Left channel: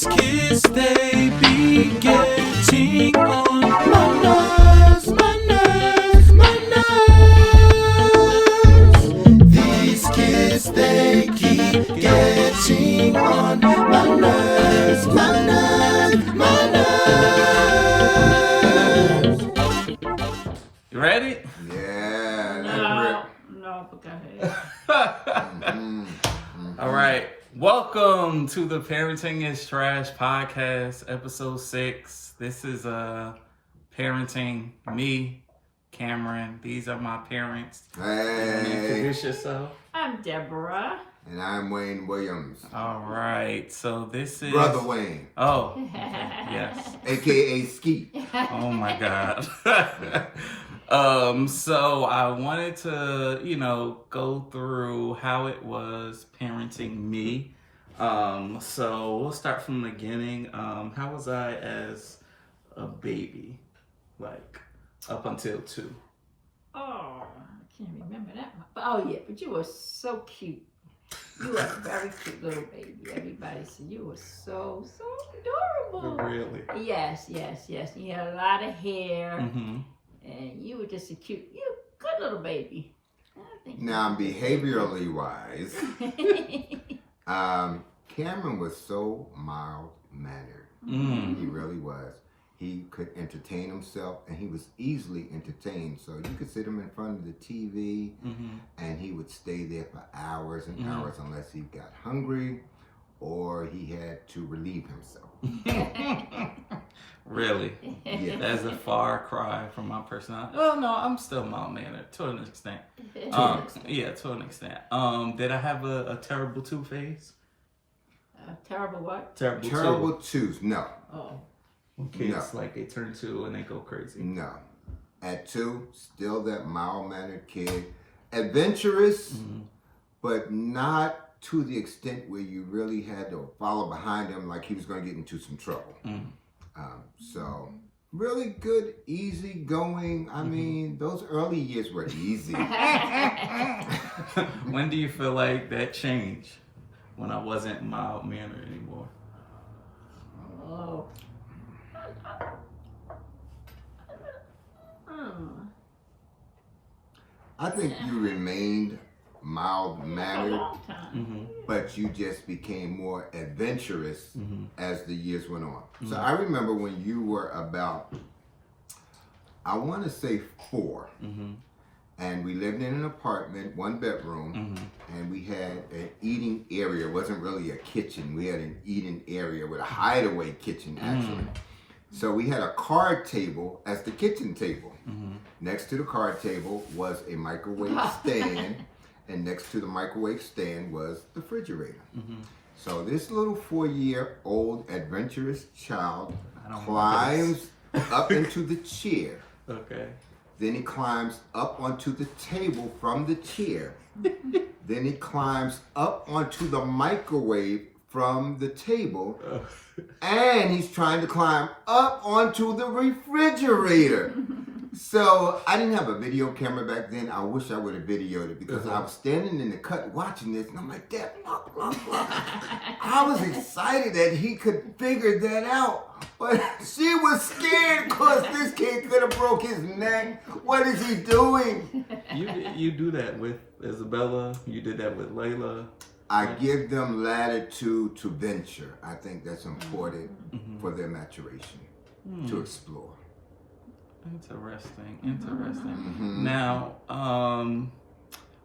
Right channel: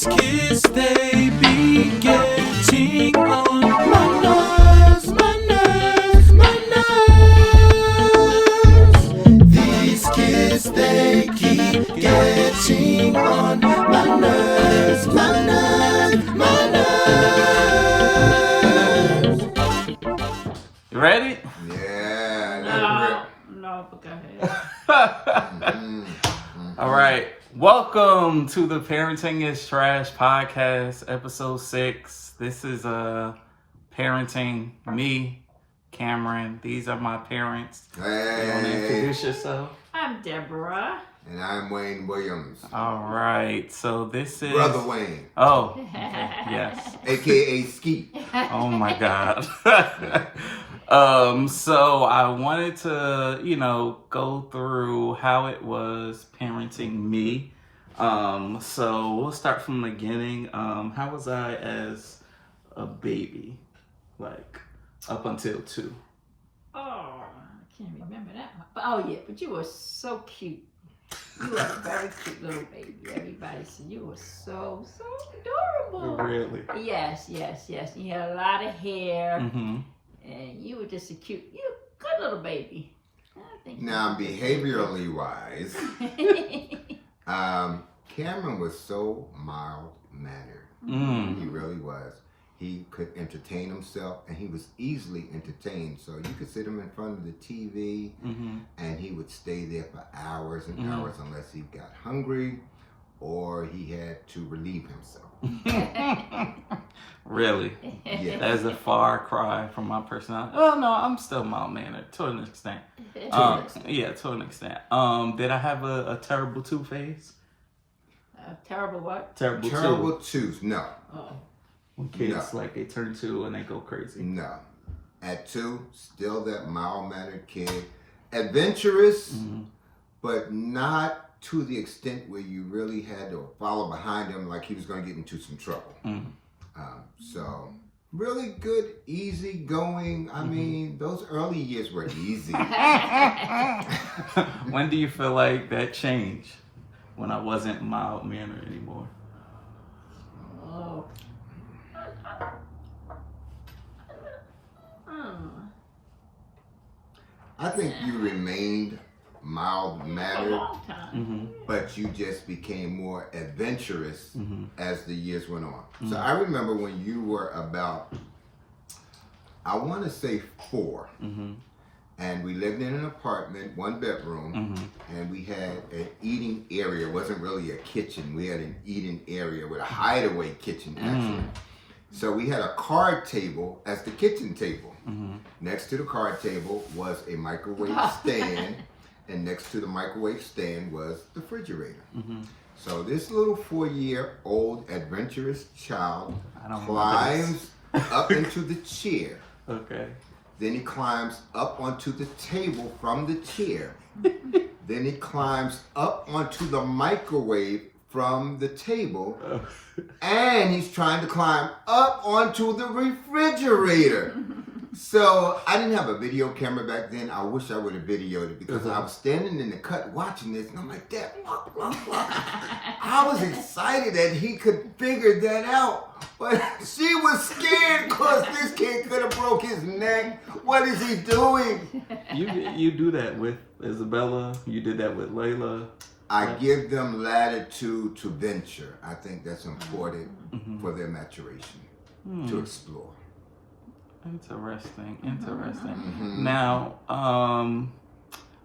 These kids, they be getting on my nerves, my nerves, my nerves. These kids, they keep getting on my nerves, my nerves, my nerves. You ready? Yeah. No, but go ahead. All right. Welcome to the Parenting is Trash podcast, episode 6. This is parenting me, Cameron. These are my parents. You want to introduce yourself? I'm Deborah. And I'm Wayne Williams. All right. So this is Brother Wayne. Oh, okay. Yes. AKA Ski. Oh my God. So I wanted to, go through how it was parenting me. So we'll start from the beginning. How was I as a baby? Like up until 2? Oh, I can't remember that one. Oh yeah, but you were so cute. You were a very cute little baby. Everybody said you were so adorable. Really? Yes. You had a lot of hair, Mm-hmm. and you were just a good little baby. I think. Now, behaviorally wise, Cameron was so mild-mannered. He really was. He could entertain himself, and he was easily entertained. So you could sit him in front of the TV, and he would stay there for hours and hours unless he got hungry or he had to relieve himself. Really? Yeah. That's a far cry from my personality. Oh no, I'm still mild-mannered to an extent. Yeah, to an extent. Did I have a terrible tooth phase? Terrible what? Terrible tooth, no. Oh. When kids, like, they turn 2 and they go crazy. No. At 2, still that mild-mannered kid. Adventurous, but not to the extent where you really had to follow behind him like he was going to get into some trouble. So, really good, easy going. I mean, those early years were easy. When do you feel like that changed? When I wasn't mild-mannered anymore? Oh. I think you remained mild-mannered, long time. but you just became more adventurous as the years went on. So I remember when you were about, I want to say 4, and we lived in an apartment, 1 bedroom, and we had an eating area. It wasn't really a kitchen. We had an eating area with a hideaway kitchen, actually. So we had a card table as the kitchen table. Next to the card table was a microwave stand, and next to the microwave stand was the refrigerator. So this little 4-year-old adventurous child climbs up into the chair. Okay. Then he climbs up onto the table from the chair. Then he climbs up onto the microwave from the table. And he's trying to climb up onto the refrigerator. So I didn't have a video camera back then. I wish I would have videoed it because I was standing in the cut watching this, and I'm like, Dad, blah, blah, blah. I was excited that he could figure that out. But she was scared because this kid could have broke his neck. What is he doing? You do that with Isabella. You did that with Layla. I give them latitude to venture. I think that's important for their maturation, to explore. Interesting. Now,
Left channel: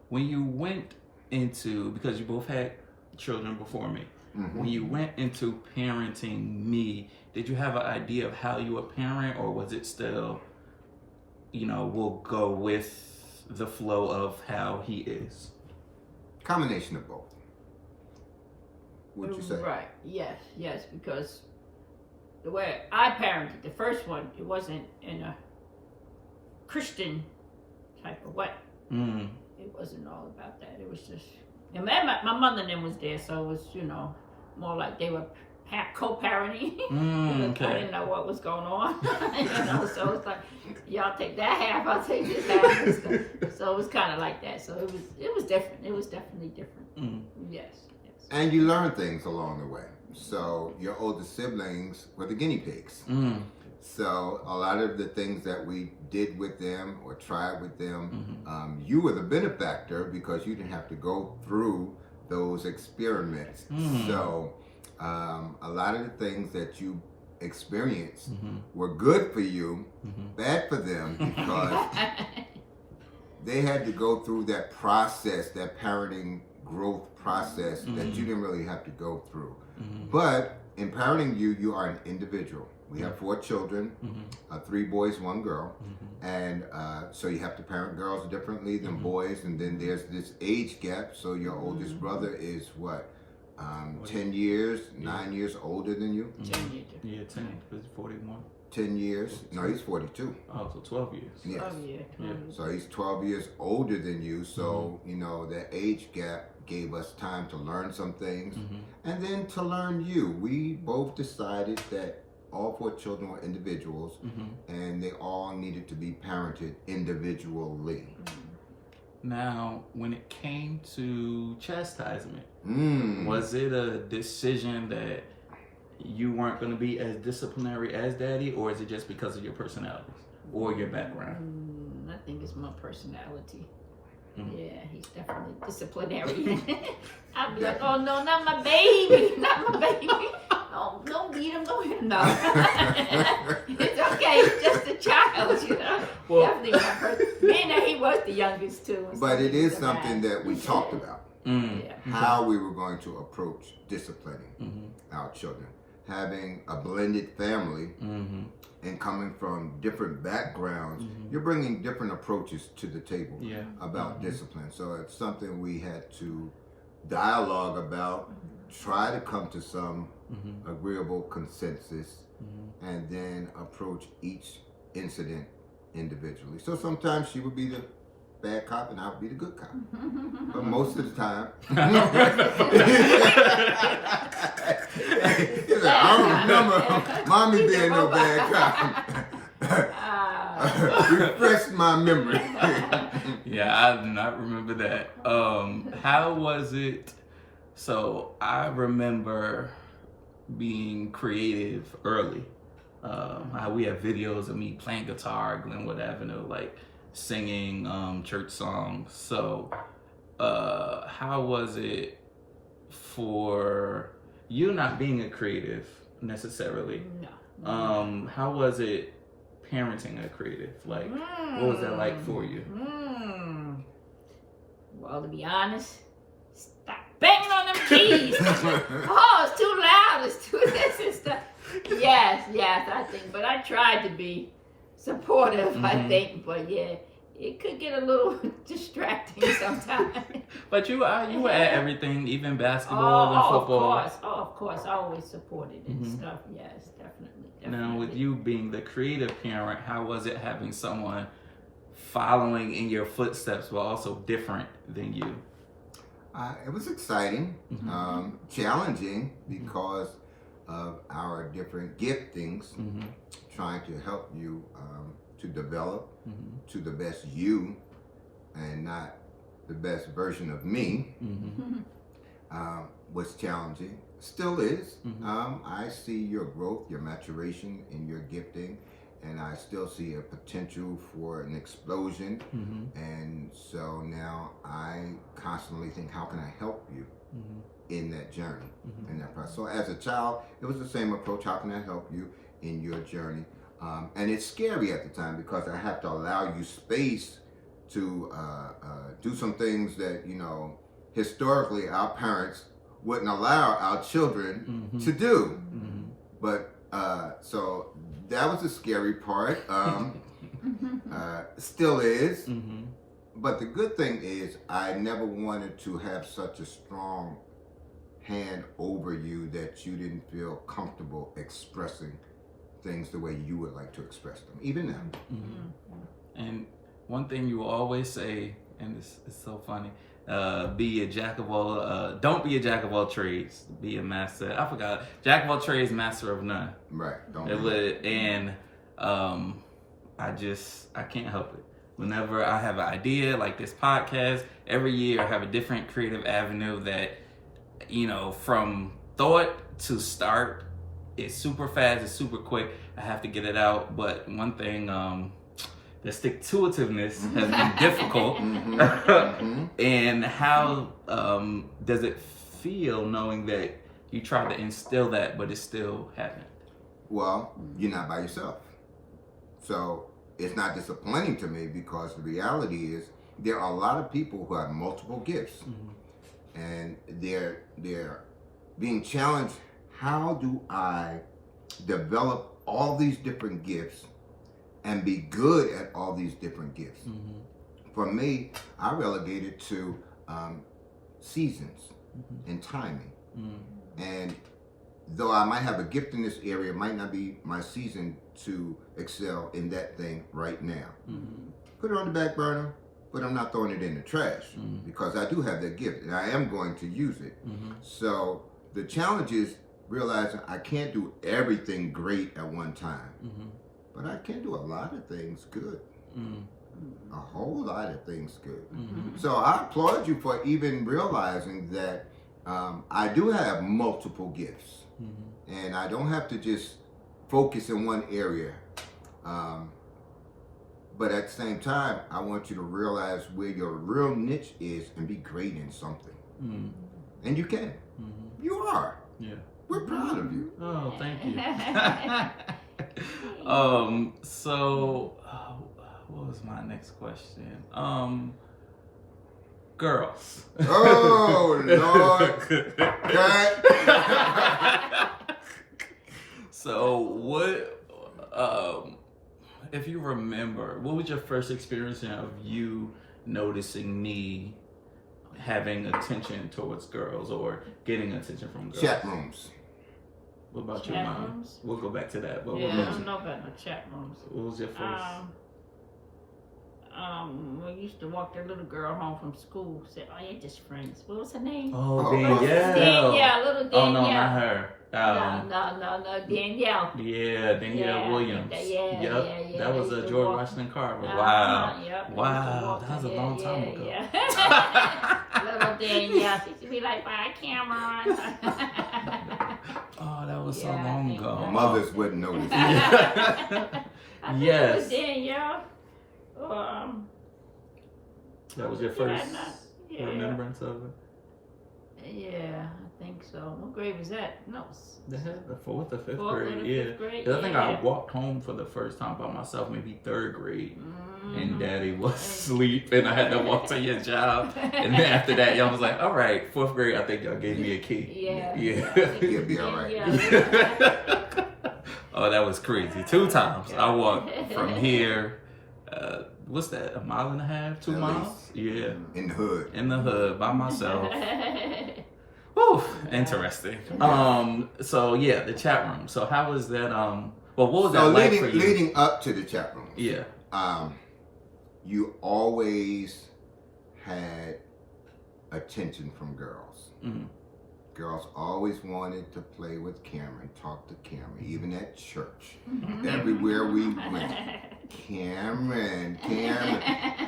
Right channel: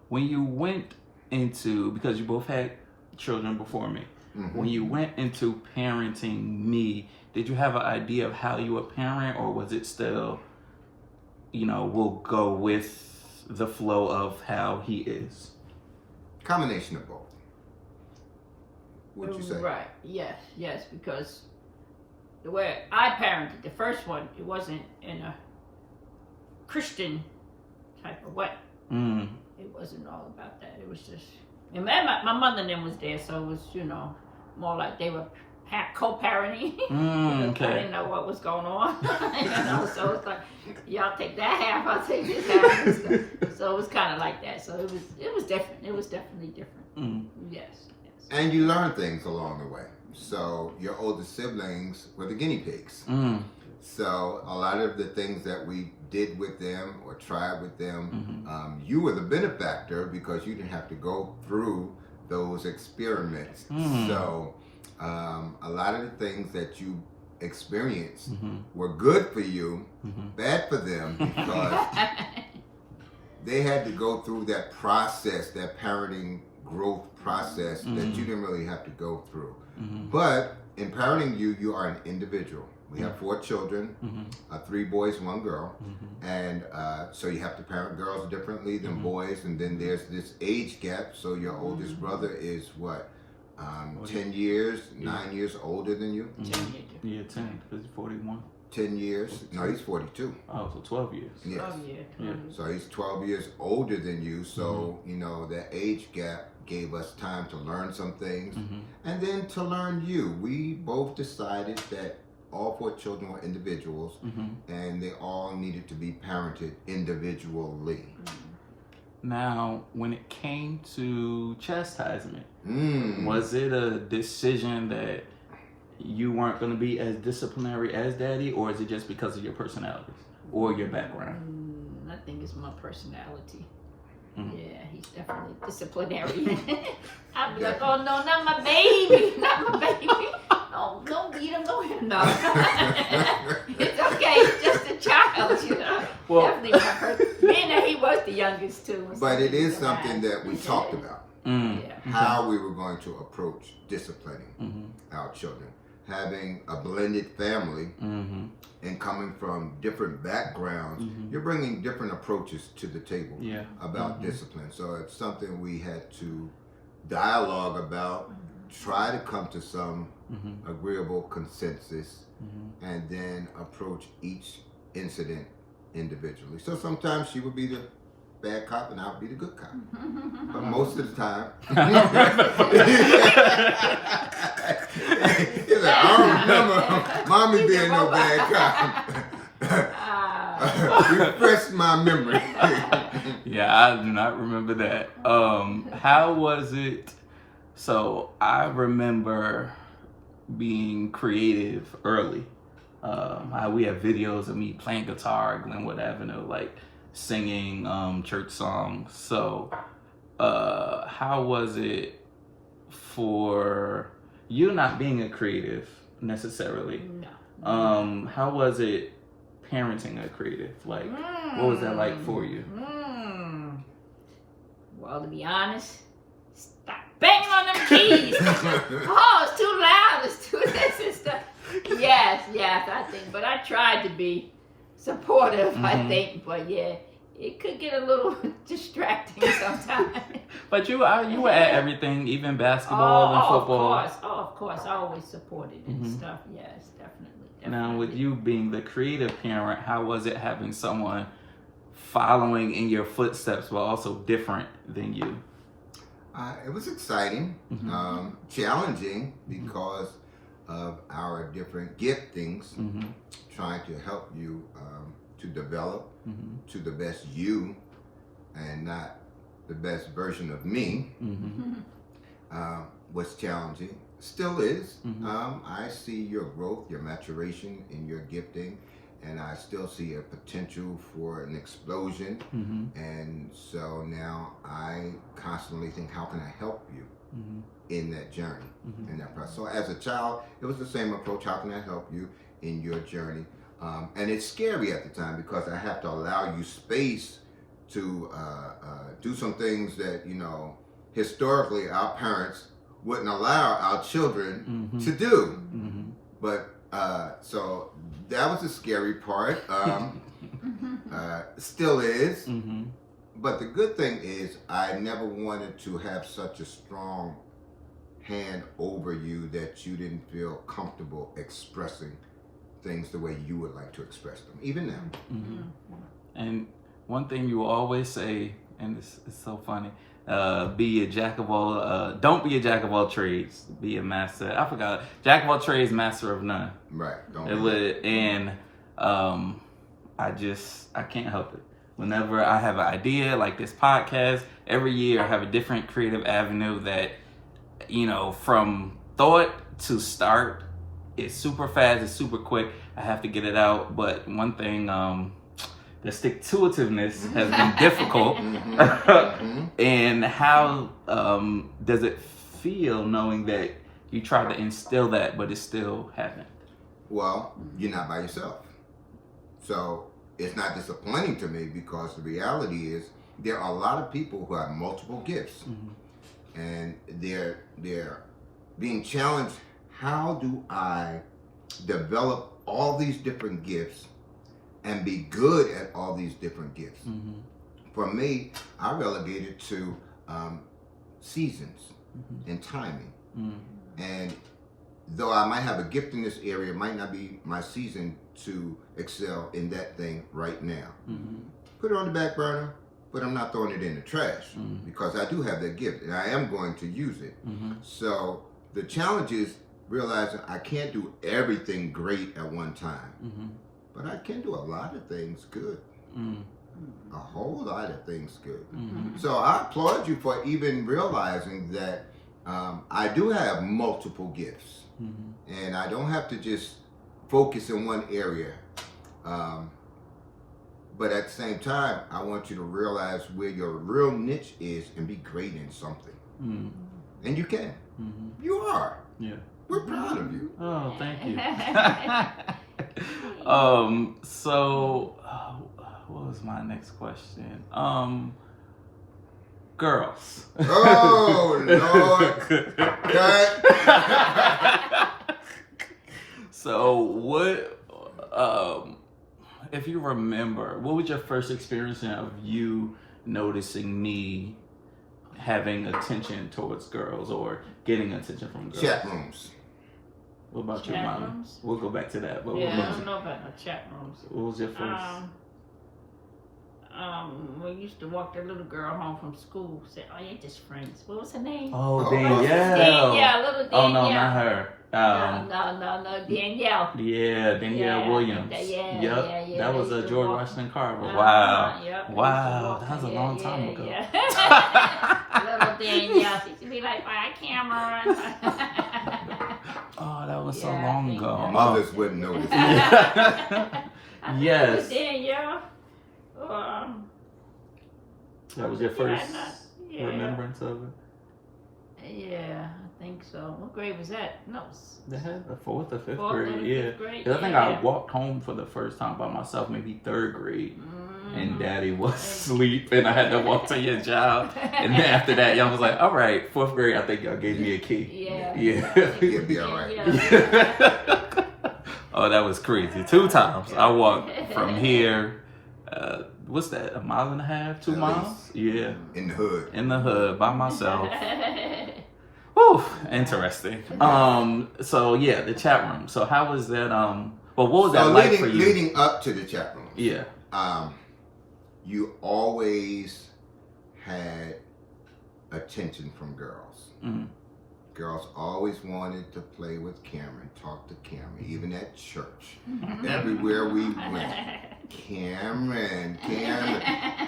when you went into, because you both had children before me, when you went into parenting me, did you have an idea of how you would parent, or was it still, we'll go with the flow of how he is? Combination of both. What'd you say? Right. Yes, because the way I parented the first one, it wasn't in a Christian type of way. It wasn't all about that. It was just, and my mother and them was there, so it was, more like they were co-parenting. Okay. I didn't know what was going on. So it's like, y'all take that half, I'll take this half. So it was kind of like that. So it was different. It was definitely different. Yes. And you learn things along the way. So your older siblings were the guinea pigs. Mm. So a lot of the things that we did with them or tried with them, Mm-hmm. you were the benefactor because you didn't have to go through those experiments. Mm. So a lot of the things that you experienced Mm-hmm. were good for you, Mm-hmm. bad for them because they had to go through that process, that parenting growth process that you didn't really have to go through. Mm-hmm. But in parenting you, you are an individual. We have 4 children, Mm-hmm. 3 boys, 1 girl. Mm-hmm. And so you have to parent girls differently than Mhm. boys. And then there's this age gap. So your oldest brother is what? 10 years, 9 years older than you? Yeah, 10, because he's 41. 10 years? No, he's 42. Oh, so 12 years. Yes. Oh, yeah. Yeah. So he's 12 years older than you. So, you know, that age gap gave us time to learn some things. Mm-hmm. And then to learn you. We both decided that all 4 children were individuals Mm-hmm. and they all needed to be parented individually. Now, when it came to chastisement, Mm. was it a decision that you weren't going to be as disciplinary as daddy, or is it just because of your personality or your background? I think it's my personality. Mhm. Yeah, he's definitely disciplinary. I'd be like, oh no, not my baby, not my baby. Oh, don't beat him, don't hit him. No. It's okay, he's just a child, you know. Well- Definitely my being that he was the youngest too. and But it something is to something mind. that we talked about. Mm. Yeah. How we were going to approach disciplining Mm-hmm. our children. Having a blended family Mm-hmm. and coming from different backgrounds, Mhm. you're bringing different approaches to the table Yeah. about discipline. So it's something we had to dialogue about, try to come to some Mm-hmm. agreeable consensus, Mm-hmm. and then approach each incident individually. So sometimes she would be the bad cop and I would be the good cop. But most of the time, he's like, I don't remember mommy being no bad cop. Refresh my memory. Yeah, I do not remember that. How was it? So I remember being creative early. We have videos of me playing guitar at Glenwood Avenue, like singing church songs. So how was it for you not being a creative necessarily? No. How was it parenting a creative? Like, what was that like for you? Well, to be honest, stop banging on them keys. Oh, it's too loud. It's too this and stuff. Yes, I think. But I tried to be supportive, I think. But yeah, it could get a little distracting sometimes. But you were at everything, even basketball and football. Of course. I always supported and stuff. Yes, definitely. Now, with you being the creative parent, how was it having someone following in your footsteps but also different than you? It was exciting, challenging because of our different giftings, trying to help you to develop to the best you and not the best version of me. Was challenging, still is. I see your growth, your maturation in your gifting, and I still see a potential for an explosion. And so now I constantly think, how can I help you in that journey, in that process? So as a child, it was the same approach. How can I help you in your journey? And it's scary at the time because I have to allow you space to do some things that, you know, historically our parents wouldn't allow our children to do. But so that was the scary part. Still is. But the good thing is I never wanted to have such a strong hand over you that you didn't feel comfortable expressing things the way you would like to express them, even now. And one thing you will always say, and it's so funny, be a jack of all, don't be a jack of all trades, be a master. I forgot, jack of all trades, master of none. Right. I can't help it. Whenever I have an idea like this podcast, every year I have a different creative avenue that, you know, from thought to start. It's super fast, it's super quick. I have to get it out. But one thing, the stick-to-itiveness has been difficult. And how does it feel knowing that you tried to instill that, but it still hasn't? Well, you're not by yourself. So it's not disappointing to me, because the reality is there are a lot of people who have multiple gifts. And they're being challenged. How do I develop all these different gifts and be good at all these different gifts? For me, I relegate it to seasons and timing. And though I might have a gift in this area, it might not be my season to excel in that thing right now. Put it on the back burner, but I'm not throwing it in the trash, because I do have that gift and I am going to use it. So the challenge is realizing I can't do everything great at one time, but I can do a lot of things good. A whole lot of things good. So I applaud you for even realizing that I do have multiple gifts, and I don't have to just focus in one area. But at the same time, I want you to realize where your real niche is and be great in something. And you can. You are. Yeah. We're proud of you. Oh, thank you. So, what was my next question? Girls. Oh, Lord. Cut. So, what, if you remember, what was your first experience of you noticing me having attention towards girls or getting attention from girls? Chat rooms. What about Chat you, Mommy? rooms? We'll go back to that. But Yeah, what I about don't you? know about no chat rooms. What was your first? We used to walk the little girl home from school. Say, "Oh, you're just friends." What was her name? Oh, Oh, Danielle. Danielle, little Danielle. Oh, no, not her. No, Danielle. Yeah, Danielle Yeah, Williams. yeah, Yep. yeah. That was Used to George walk- Washington Carver. Uh-huh, Wow. yep, Wow, used to that was a walk- long time ago. Yeah. Little Danielle. She used to be like, "Bye, Cameron." Oh, that was so Yeah, long yeah. ago. Mothers wouldn't notice. Yes. Danielle. That was your first Yeah. remembrance of it? Yeah, I think so. What grade was that? No. They had the fourth or fifth Fourth or grade, the yeah. fifth grade? 'Cause I think Yeah. I walked home for the first time by myself, maybe third grade, Mm-hmm. and Daddy was asleep, and I had to walk to your job. And then after that, y'all was like, "All right, fourth grade, I think y'all gave me a key." Yeah. You'll be all right. Yeah. Oh, that was crazy. 2 times I walked from here. What's that? A mile and a half? 2 At miles? Yeah, In the hood. in the hood by myself. Whew, interesting. So yeah, the chat room. So how was that? Well, what was that like for you? Leading up to the chat room, Yeah. you always had attention from girls. Mm. Girls always wanted to play with Cameron, talk to Cameron, even at church. Everywhere we went. Cameron.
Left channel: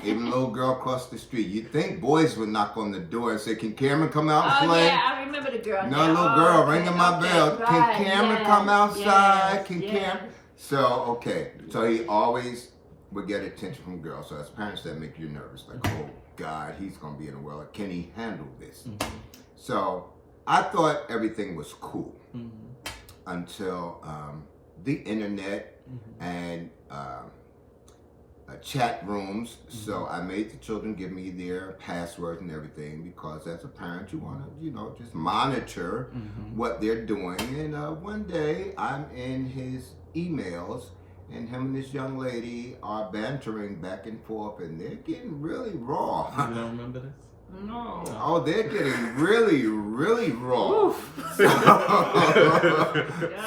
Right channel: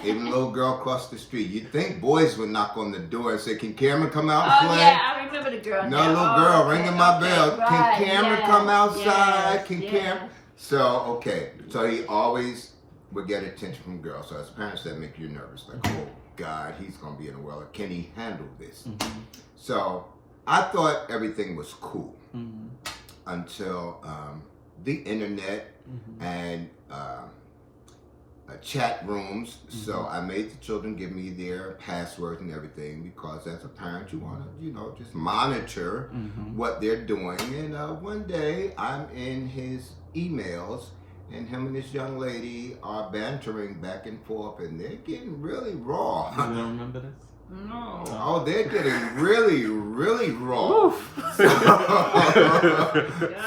Even a little girl across the street. You'd think boys would knock on the door and say, "Can Cameron come out and Oh play?" yeah, I remember the girl. No, now. little girl Okay, ringing my bell. right, Can Cameron come outside? yes, Can yes. Cameron? So, okay. So he always would get attention from girls. So as parents, that make you nervous. Like, oh, God, he's going to be in a well. Can he handle this? Mm-hmm. So I thought everything was cool Mm-hmm. until the internet Mm-hmm. and chat rooms. So I made the children give me their passwords and everything, because as a parent, you want to, just monitor Mm-hmm. what they're doing. And one day I'm in his emails, and him and this young lady are bantering back and forth, and they're getting really raw. You don't remember this? No. Oh, they're getting really, really raw. Oof.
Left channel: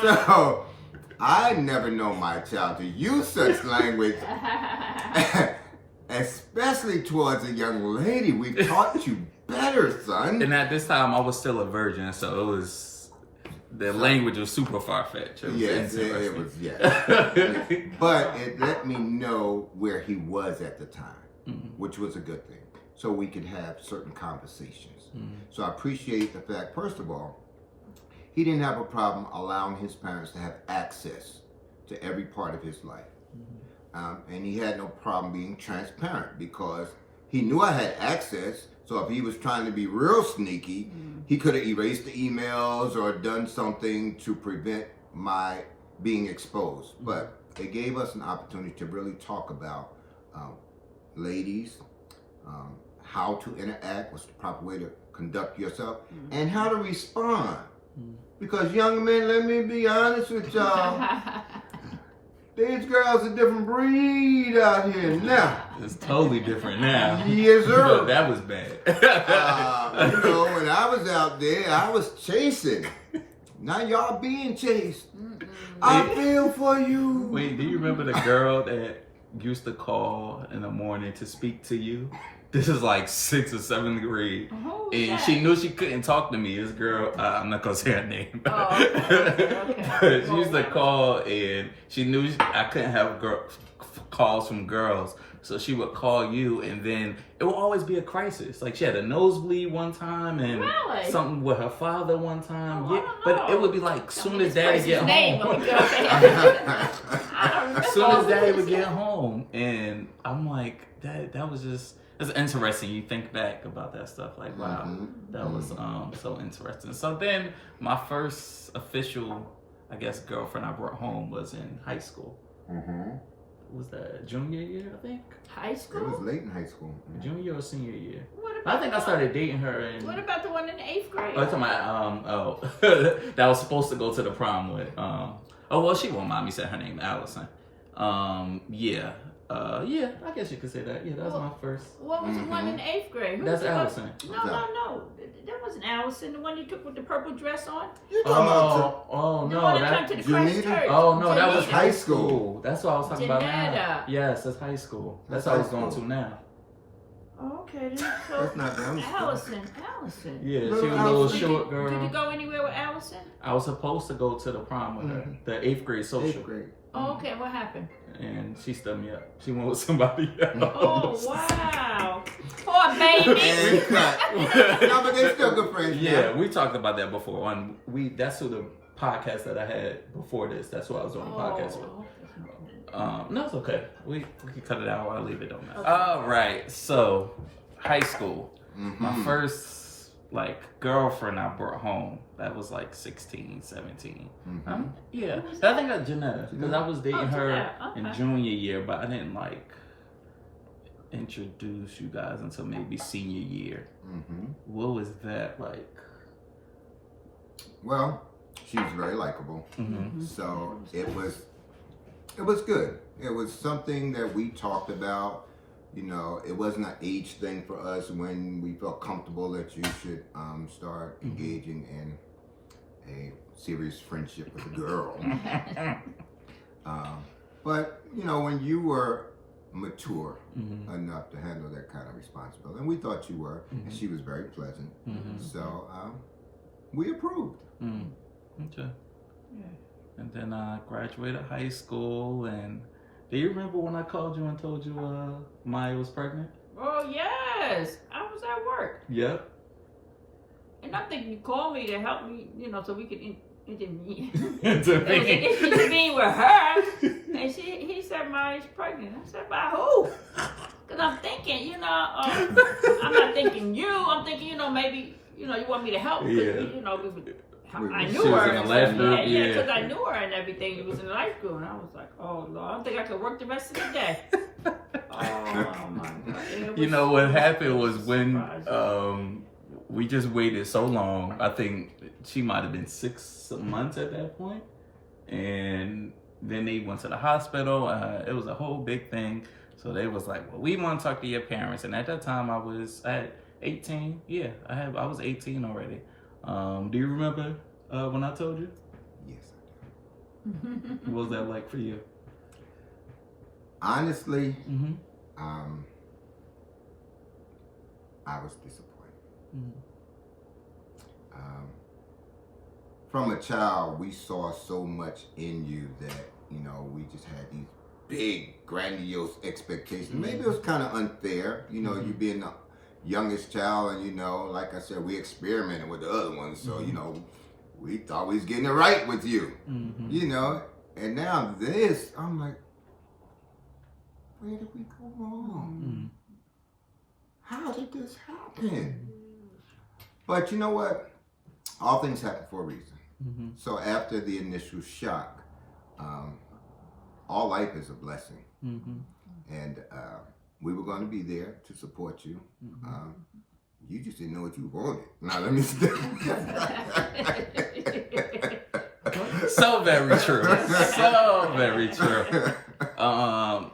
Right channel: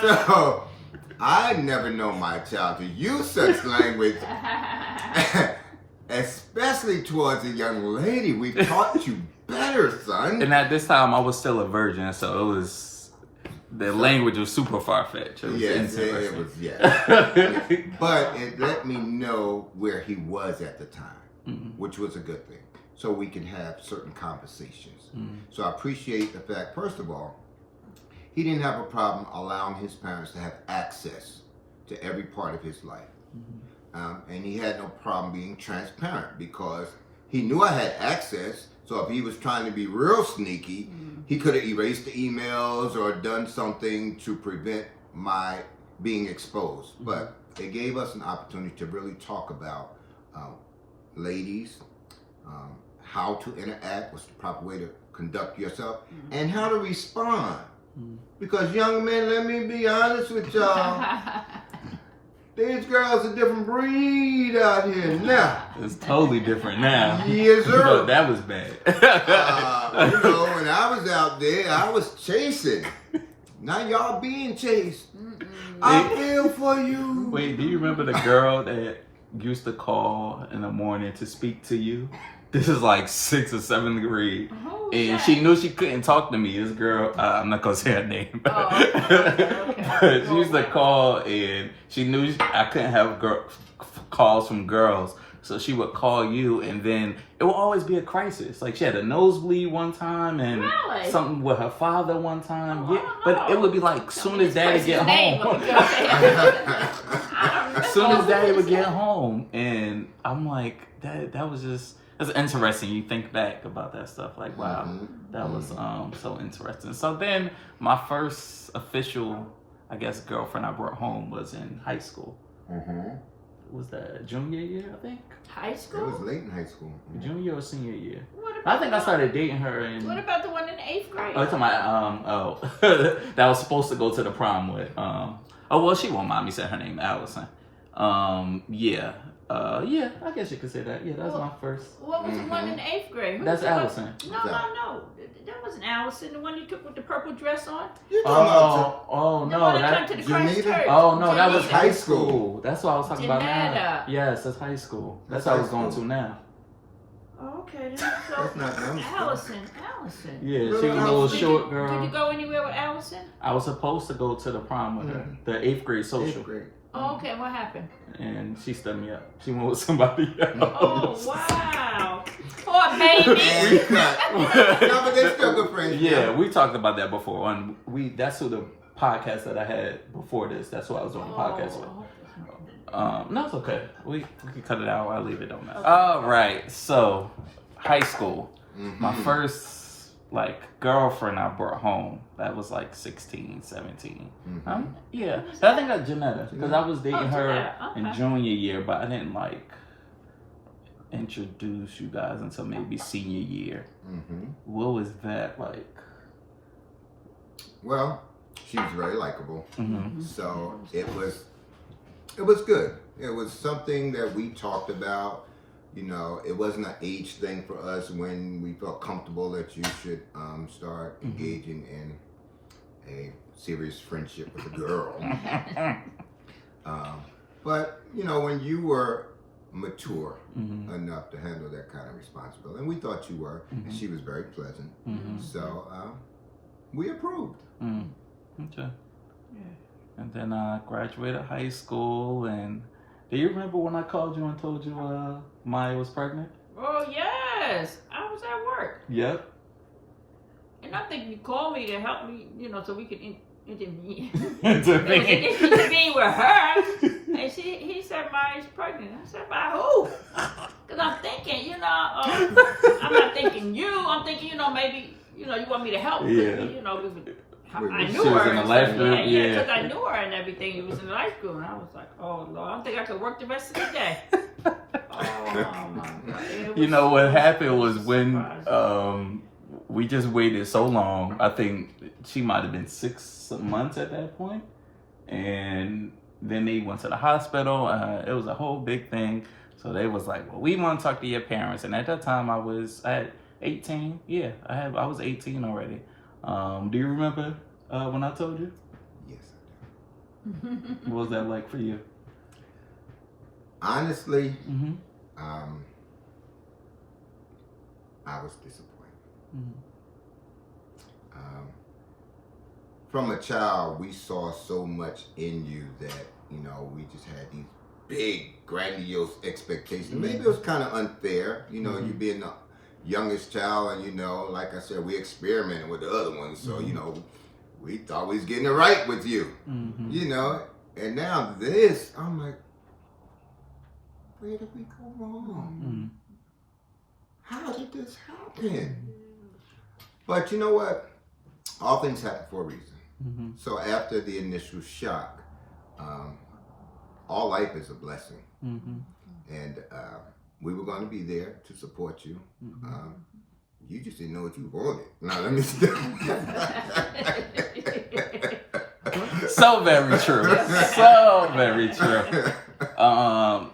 So I never know my child to use such language, especially towards a young lady. We taught you better, son. And at this time, I was still a virgin, so it was the language was super far fetched. Yes, it was, yes. But it let me know where he was at the time, which was a good thing. So we could have certain conversations. So I appreciate the fact, first of all, he didn't have a problem allowing his parents to have access to every part of his life. And he had no problem being transparent because he knew I had access. So if he was trying to be real sneaky, he could have erased the emails or done something to prevent my being exposed. But it gave us an opportunity to really talk about ladies, how to interact, what's the proper way to conduct yourself, and how to respond. Because young men, let me be honest with y'all, these girls a different breed out here now. It's totally different now. Yes, sir. No, that was bad. When I was out there, I was chasing. Now y'all being chased. I feel for you. Wait, do you remember the girl that used to call in the morning to speak to you? This is like 6th or 7th grade. And she knew she couldn't talk to me. This girl, I'm not going to say her name. Okay. But she used to call and she knew I couldn't have calls from girls. So she would call you and then it would always be a crisis. Like she had a nosebleed one time and something with her father one time. But it would be like soon as daddy get home. As soon as daddy would get home. And I'm like, that was just... It's interesting. You think back about that stuff. Like, wow, that was so interesting. So then my first official, I guess, girlfriend I brought home was in high school. Was that junior year, I think? High school? It was late in high school. Junior or senior year? I think I started dating her in... What about the one in the 8th grade? Oh, it's my, that was supposed to go to the prom with. Oh, well, she won't mind me saying her name, Allison. Yeah, I guess you could say that. Yeah, that was my first. What was the one in the 8th grade? Who That's was Allison. No. That wasn't Allison. The one you took with the purple dress on? Oh, no, that. To the Christ Church. Oh, no, that was Janetta. high school. That's what I was talking about now. Janetta. Yes, that's high school. That's That's what I was high going school. to now. Oh, okay, then. So, That's not Allison. Allison. Yeah, she was a Allison. little Did short you girl. go anywhere with Allison? I was supposed to go to the prom with her, the 8th grade social. 8th grade. Oh, okay, what happened? And she stood me up. She went with somebody else. Oh, wow. Poor baby. And we cut. No, but they still good friends. Yeah, we talked about that before. And that's who the podcast that I had before this. That's who I was doing the podcast with. No, it's okay. We can cut it out. I'll leave it. Don't matter. All right. So, high school. My first girlfriend I brought home. That was like 16, 17. Yeah. I think that's Janetta because I was dating her in junior year, but I didn't introduce you guys until maybe senior year. What was that like? Well, she was very likable. So it was good. It was something that we talked about. You know, it wasn't an age thing for us when we felt comfortable that you should start engaging in a serious friendship with a girl. But, you know, when you were mature enough to handle that kind of responsibility, and we thought you were, and she was very pleasant. So we approved. Okay. And then I graduated high school and... Do you remember when I called you and told you Maya was pregnant? Oh, yes. I was at work. Yep. And I'm thinking you called me to help me, you know, so we could intervene. Intervene with her. And he said Maya's pregnant. I said, by who? Because I'm thinking, you know, I'm not thinking you. I'm thinking, you know, maybe, you know, you want me to help. You know, I knew she her. was in the life group, Yeah, because I knew her and everything. It was in the life group. And I was like, oh, Lord, I don't think I could work the rest of the day. Oh, my God. You know, what happened was when we just waited so long. I think she might have been 6 months at that point. And then they went to the hospital. It was a whole big thing. So they was like, well, we want to talk to your parents. And at that time, I had 18. Yeah, I was 18 already. Do you remember when I told you? Yes, I do. What was that like for you? Honestly, I was disappointed. From a child, we saw so much in you that, you know, we just had these big, grandiose expectations. Maybe it was kind of unfair, you know, you being the youngest child, and, you know, like I said, we experimented with the other ones, so, you know, we thought we was getting it right with you, you know. And now this, I'm like, where did we go wrong? How did this happen? But you know what? All things happen for a reason. So after the initial shock, all life is a blessing. And we were going to be there to support you. You just didn't know what you wanted. Now let me stop. So very true. So very true.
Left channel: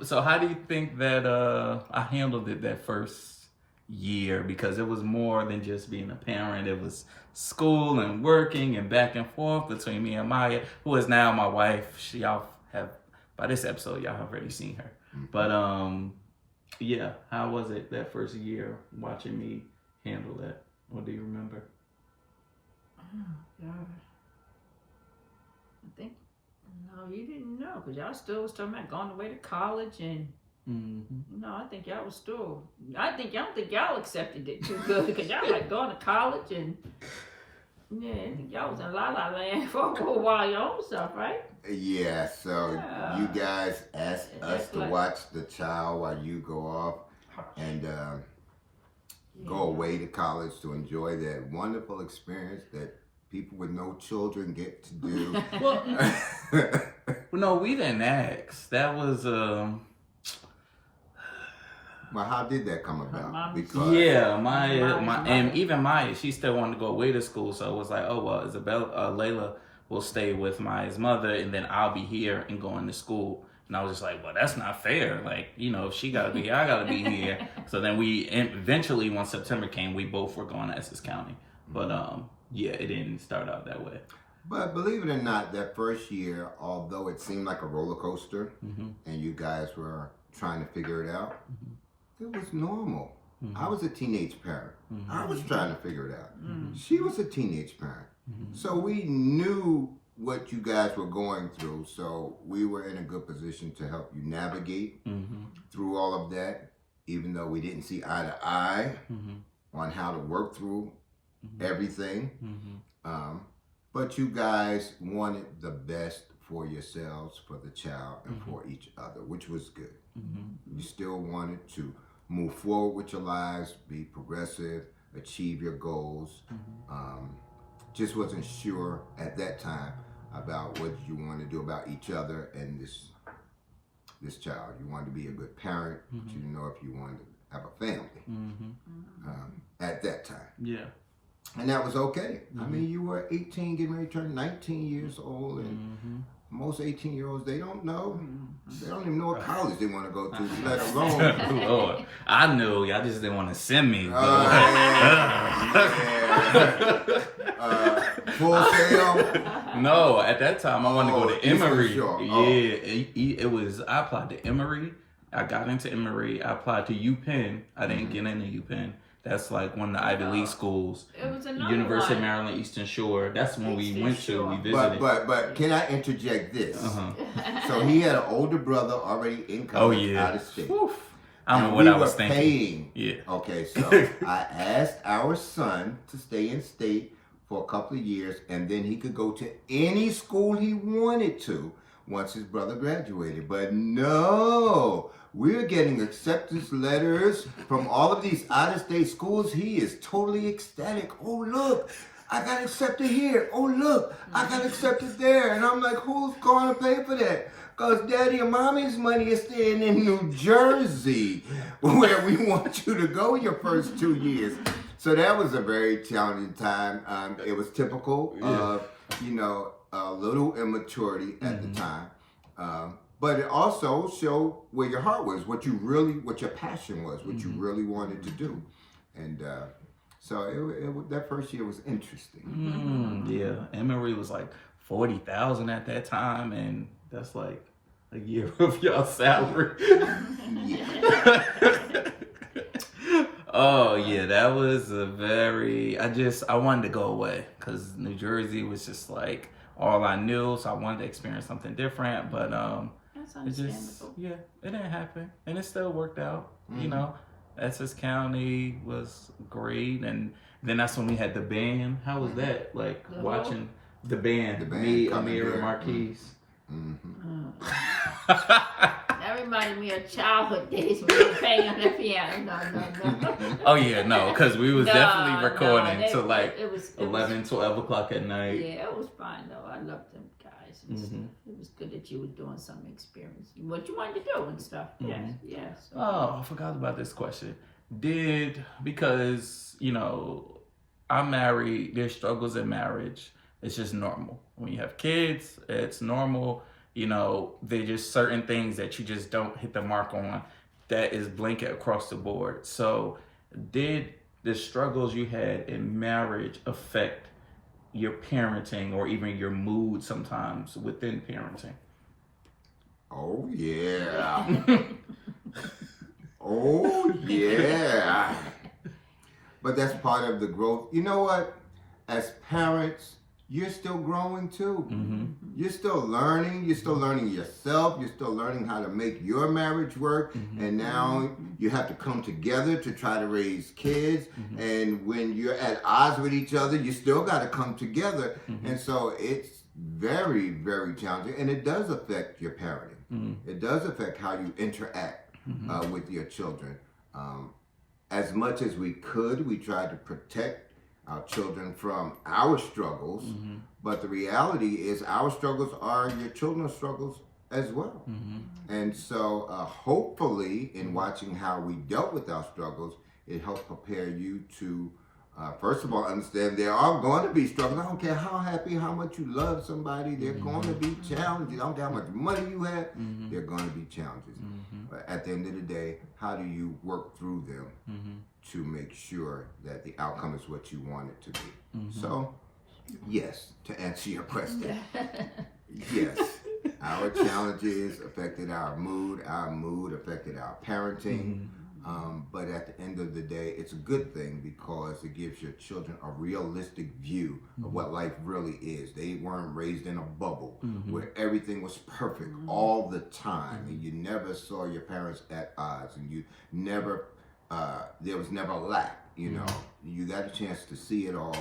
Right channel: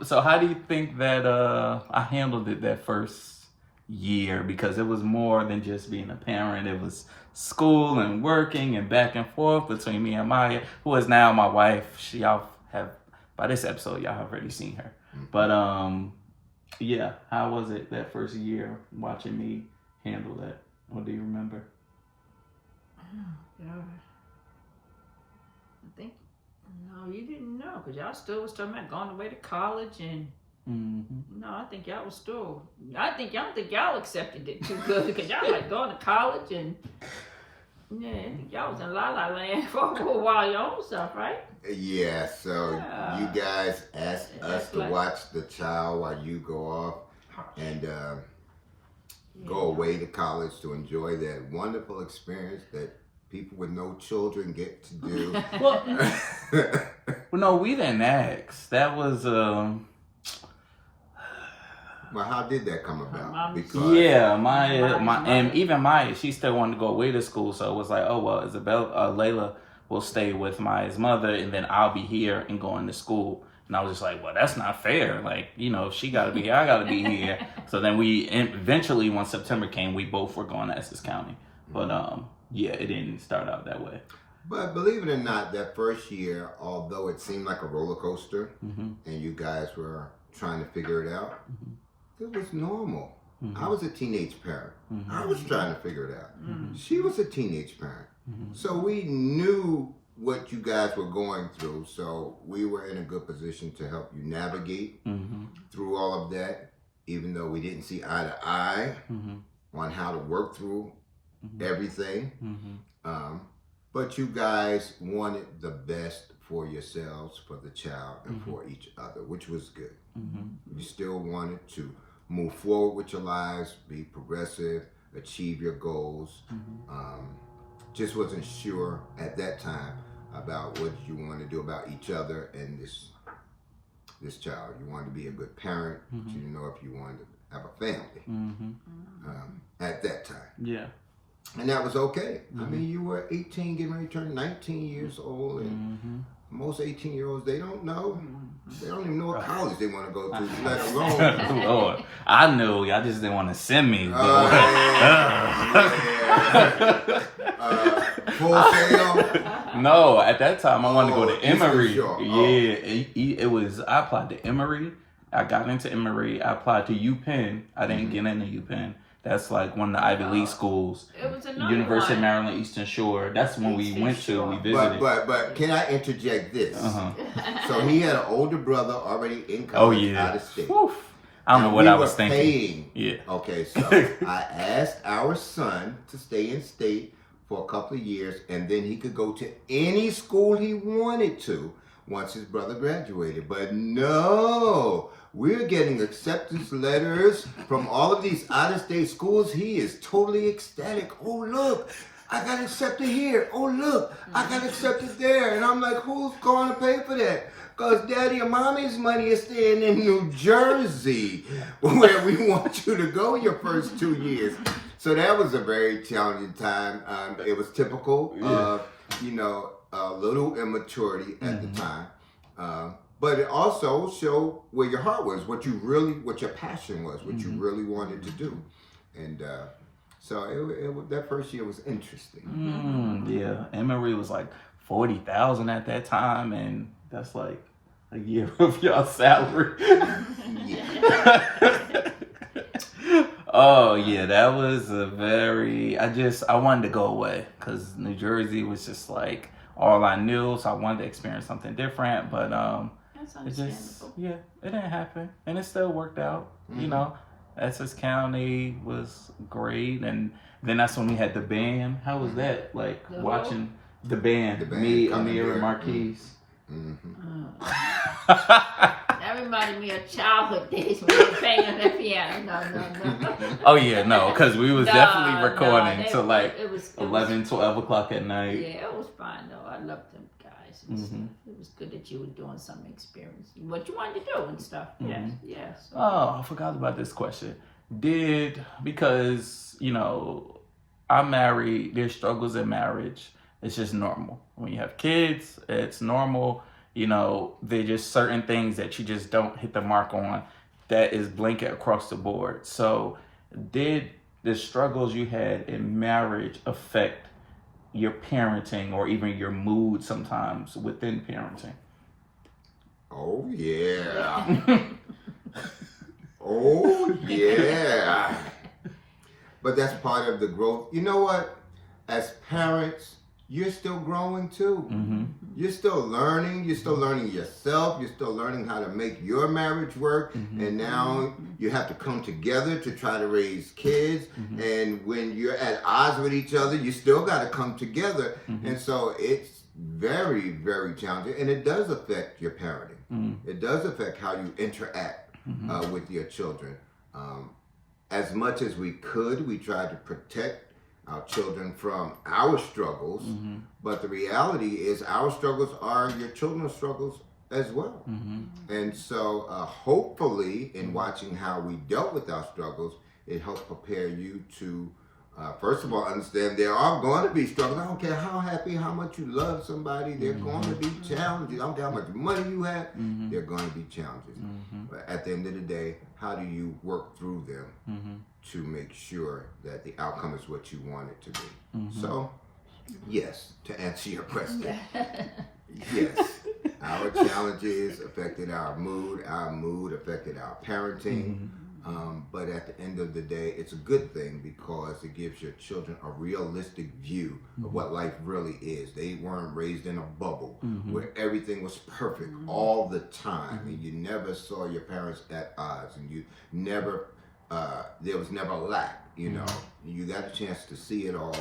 So how do you think that I handled it that first year? Because it was more than just being a parent. It was school and working and back and forth between me and Maya, who is now my wife. Y'all have, by this episode, y'all have already seen her. But yeah, how was it that first year watching me handle that? What do you remember? I think, no, you didn't know, because y'all still was talking about going away to college, and no, I think y'all was still, I don't think y'all accepted it too good, because y'all like going to college, and yeah, I think y'all was in La La Land for a while your own stuff, right? Yeah, so you guys asked us to watch the child while you go off and go away to college to enjoy that wonderful experience that people with no children get to do. Well, no, we didn't ask. That was Well, how did that come about? Because Maya, and even Maya, she still wanted to go away to school, so it was like, oh well, Layla will stay with Maya's mother, and then I'll be here and going to school. And I was just like, well, that's not fair. Like, you know, if she got to be here, I got to be here. So then we eventually, when September came, we both were going to Essex County. But yeah, it didn't start out that way. But believe it or not, that first year, although it seemed like a roller coaster, and you guys were trying to figure it out, it was normal. I was a teenage parent. I was trying to figure it out. She was a teenage parent. So we knew what you guys were going through. So we were in a good position to help you navigate through all of that, even though we didn't see eye to eye on how to work through everything. But you guys wanted the best for yourselves, for the child, and for each other, which was good. You still wanted to move forward with your lives, be progressive, achieve your goals. Just wasn't sure at that time about what you wanted to do about each other and this child. You wanted to be a good parent, but you didn't know if you wanted to have a family at that time. Yeah. And that was okay. I mean, you were 18, getting ready to turn 19 years old, and most 18-year-olds, they don't know. They don't even know what college they want to go to, let alone. Lord, I knew. Y'all just didn't want to send me. Full sail? No, at that time, I wanted to go to Emory. Sure. Yeah, it was, I applied to Emory. I got into Emory. I applied to UPenn. I didn't get into UPenn. That's like one of the Ivy League schools. It was University of Maryland, Eastern Shore. That's when we went to. We visited. But can I interject this? So he had an older brother already in college out of state. Oof. I don't know what I was thinking. Paying. Yeah. Okay, so I asked our son to stay in state for a couple of years, and then he could go to any school he wanted to once his brother graduated. But no, we're getting acceptance letters from all of these out-of-state schools. He is totally ecstatic. Oh, look, I got accepted here. Oh, look, I got accepted there. And I'm like, who's going to pay for that? Because daddy and mommy's money is staying in New Jersey, where we want you to go your first 2 years. So that was a very challenging time. It was typical of, a little immaturity at the time. But it also showed where your heart was, what your passion was, what you really wanted to do. And so that first year was interesting. Yeah, Emory was like 40,000 at that time, and that's like a year of y'all's salary. Oh yeah, that was a very. I wanted to go away because New Jersey was just like all I knew, so I wanted to experience something different. But it didn't happen, and it still worked out. You know, Essex County was great, and then that's when we had the band. How was that? Like watching The band. The band, Me, Come Amir, Here. and Marquise. That reminded me of childhood days when we were playing on the piano. No. Oh yeah, no, because we was No, definitely recording no, till like it was 11, 12 o'clock at night. Yeah, it was fine though. I loved them guys and stuff. It was good that you were doing some experience, what you wanted to do and stuff. Yeah. So. Oh, I forgot about this question. Because, you know, I'm married, there's struggles in marriage. It's just normal. When you have kids, it's normal. You know, there's just certain things that you just don't hit the mark on that is blanket across the board. So did the struggles you had in marriage affect your parenting or even your mood sometimes within parenting? Oh yeah. Oh yeah. But that's part of the growth. You know what? As parents, you're still growing too. You're still learning. You're still learning yourself. You're still learning how to make your marriage work. And now you have to come together to try to raise kids. And when you're at odds with each other, you still got to come together. And so it's very, very challenging. And it does affect your parenting. It does affect how you interact with your children. As much as we could, we tried to protect our children from our struggles, but the reality is our struggles are your children's struggles as well. And so hopefully in watching how we dealt with our struggles, it helped prepare you to first of all understand there are going to be struggles. I don't care how happy, how much you love somebody, they're going to be challenges. I don't care how much money you have, they're going to be challenges. But at the end of the day, how do you work through them to make sure that the outcome is what you want it to be? So, yes, to answer your question, yes, our challenges affected our mood affected our parenting. But at the end of the day, it's a good thing because it gives your children a realistic view of what life really is. They weren't raised in a bubble where everything was perfect all the time, and you never saw your parents at odds, and you never, there was never lack. You know, you got a chance to see it all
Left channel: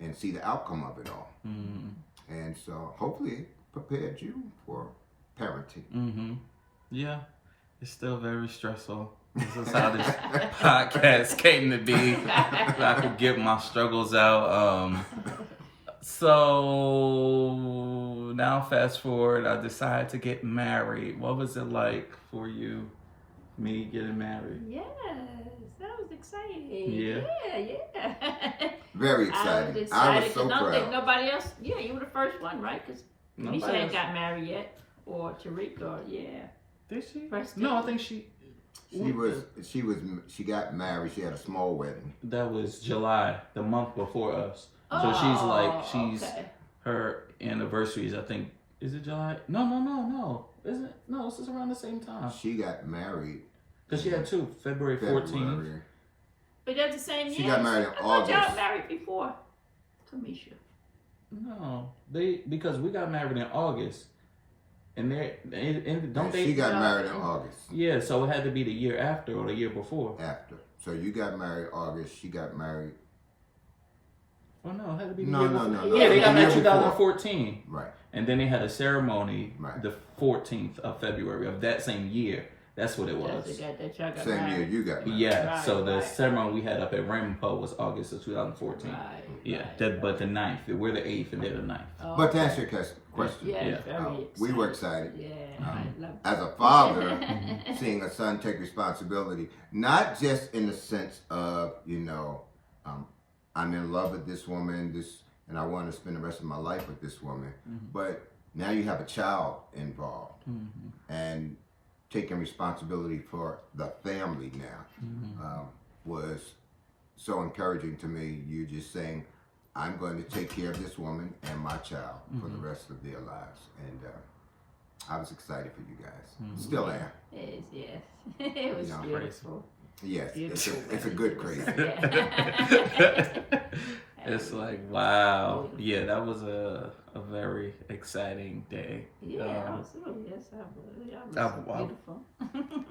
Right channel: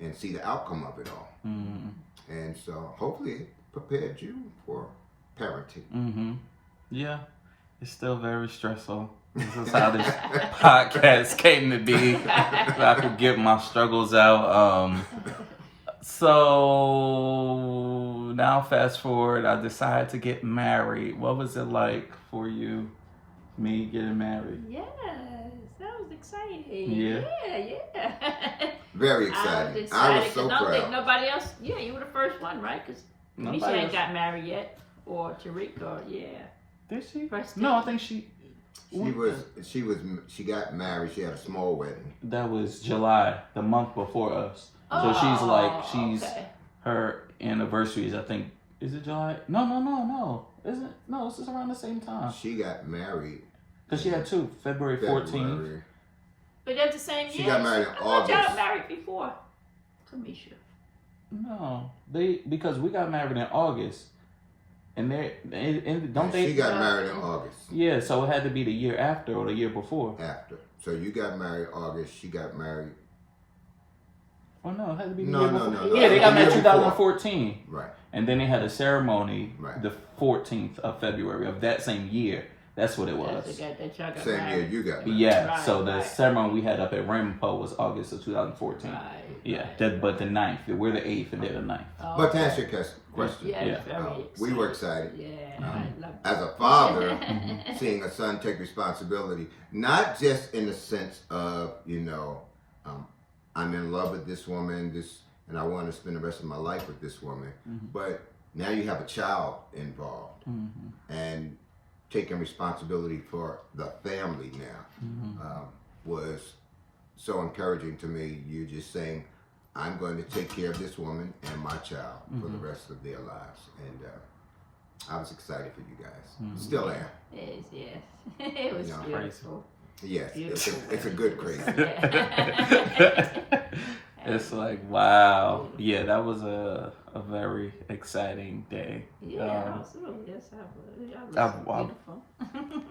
and see the outcome of it all. And so hopefully it prepared you for parenting. Yeah, it's still very stressful. This is how this podcast came to be. So I could get my struggles out. So now fast forward, I decided to get married. What was it like for you, me getting married? Yes, that was exciting. Yeah. Very I exciting. was excited. I was so I don't think proud. nobody else. Yeah, you were the first one, right? Because Nobody Misha ain't else. got married yet, or Tariq, or Did she? First No, I date. think she. She got married. She had a small wedding. That was July, the month before us. So she's okay. her anniversary is, I think, is it July? No. Isn't it? No, this is around the same time. She got married. Because she had two, February 14th. February. But that's the same year. She got married in I thought y'all August. married before Kamisha. No, because we got married in August. And She got married in August. Yeah, so it had to be the year after or the year before. After. So you got married August. She got married. Oh no, it had to be the No, year no, before. no. Yeah, they got The year married before. 2014. Right. And then they had a ceremony the Right. 14th of February of that same year. That's what it was. That's the guy that y'all got Same married. year you got married. Yeah, Right, so the right. ceremony we had up at Rampo was August of 2014. Right, Yeah, right. but the 9th. We're the 8th and they're the 9th. Oh, But to okay. answer your question, Yeah, Yeah. very excited. we were excited. Yeah, I love As a father, seeing a son take responsibility, not just in the sense of, I'm in love with this woman, and I want to spend the rest of my life with this woman, but now you have a child involved, and taking responsibility for the family now was so encouraging to me. You just saying, I'm going to take care of this woman and my child for the rest of their lives. And I was excited for you guys. Still am. it. Yeah. It was know, beautiful. Yes, Beautiful it's a good crazy. Yeah. It's like, wow. Yeah, that was a very exciting day. Yeah, absolutely. Yes, I would. I- Beautiful.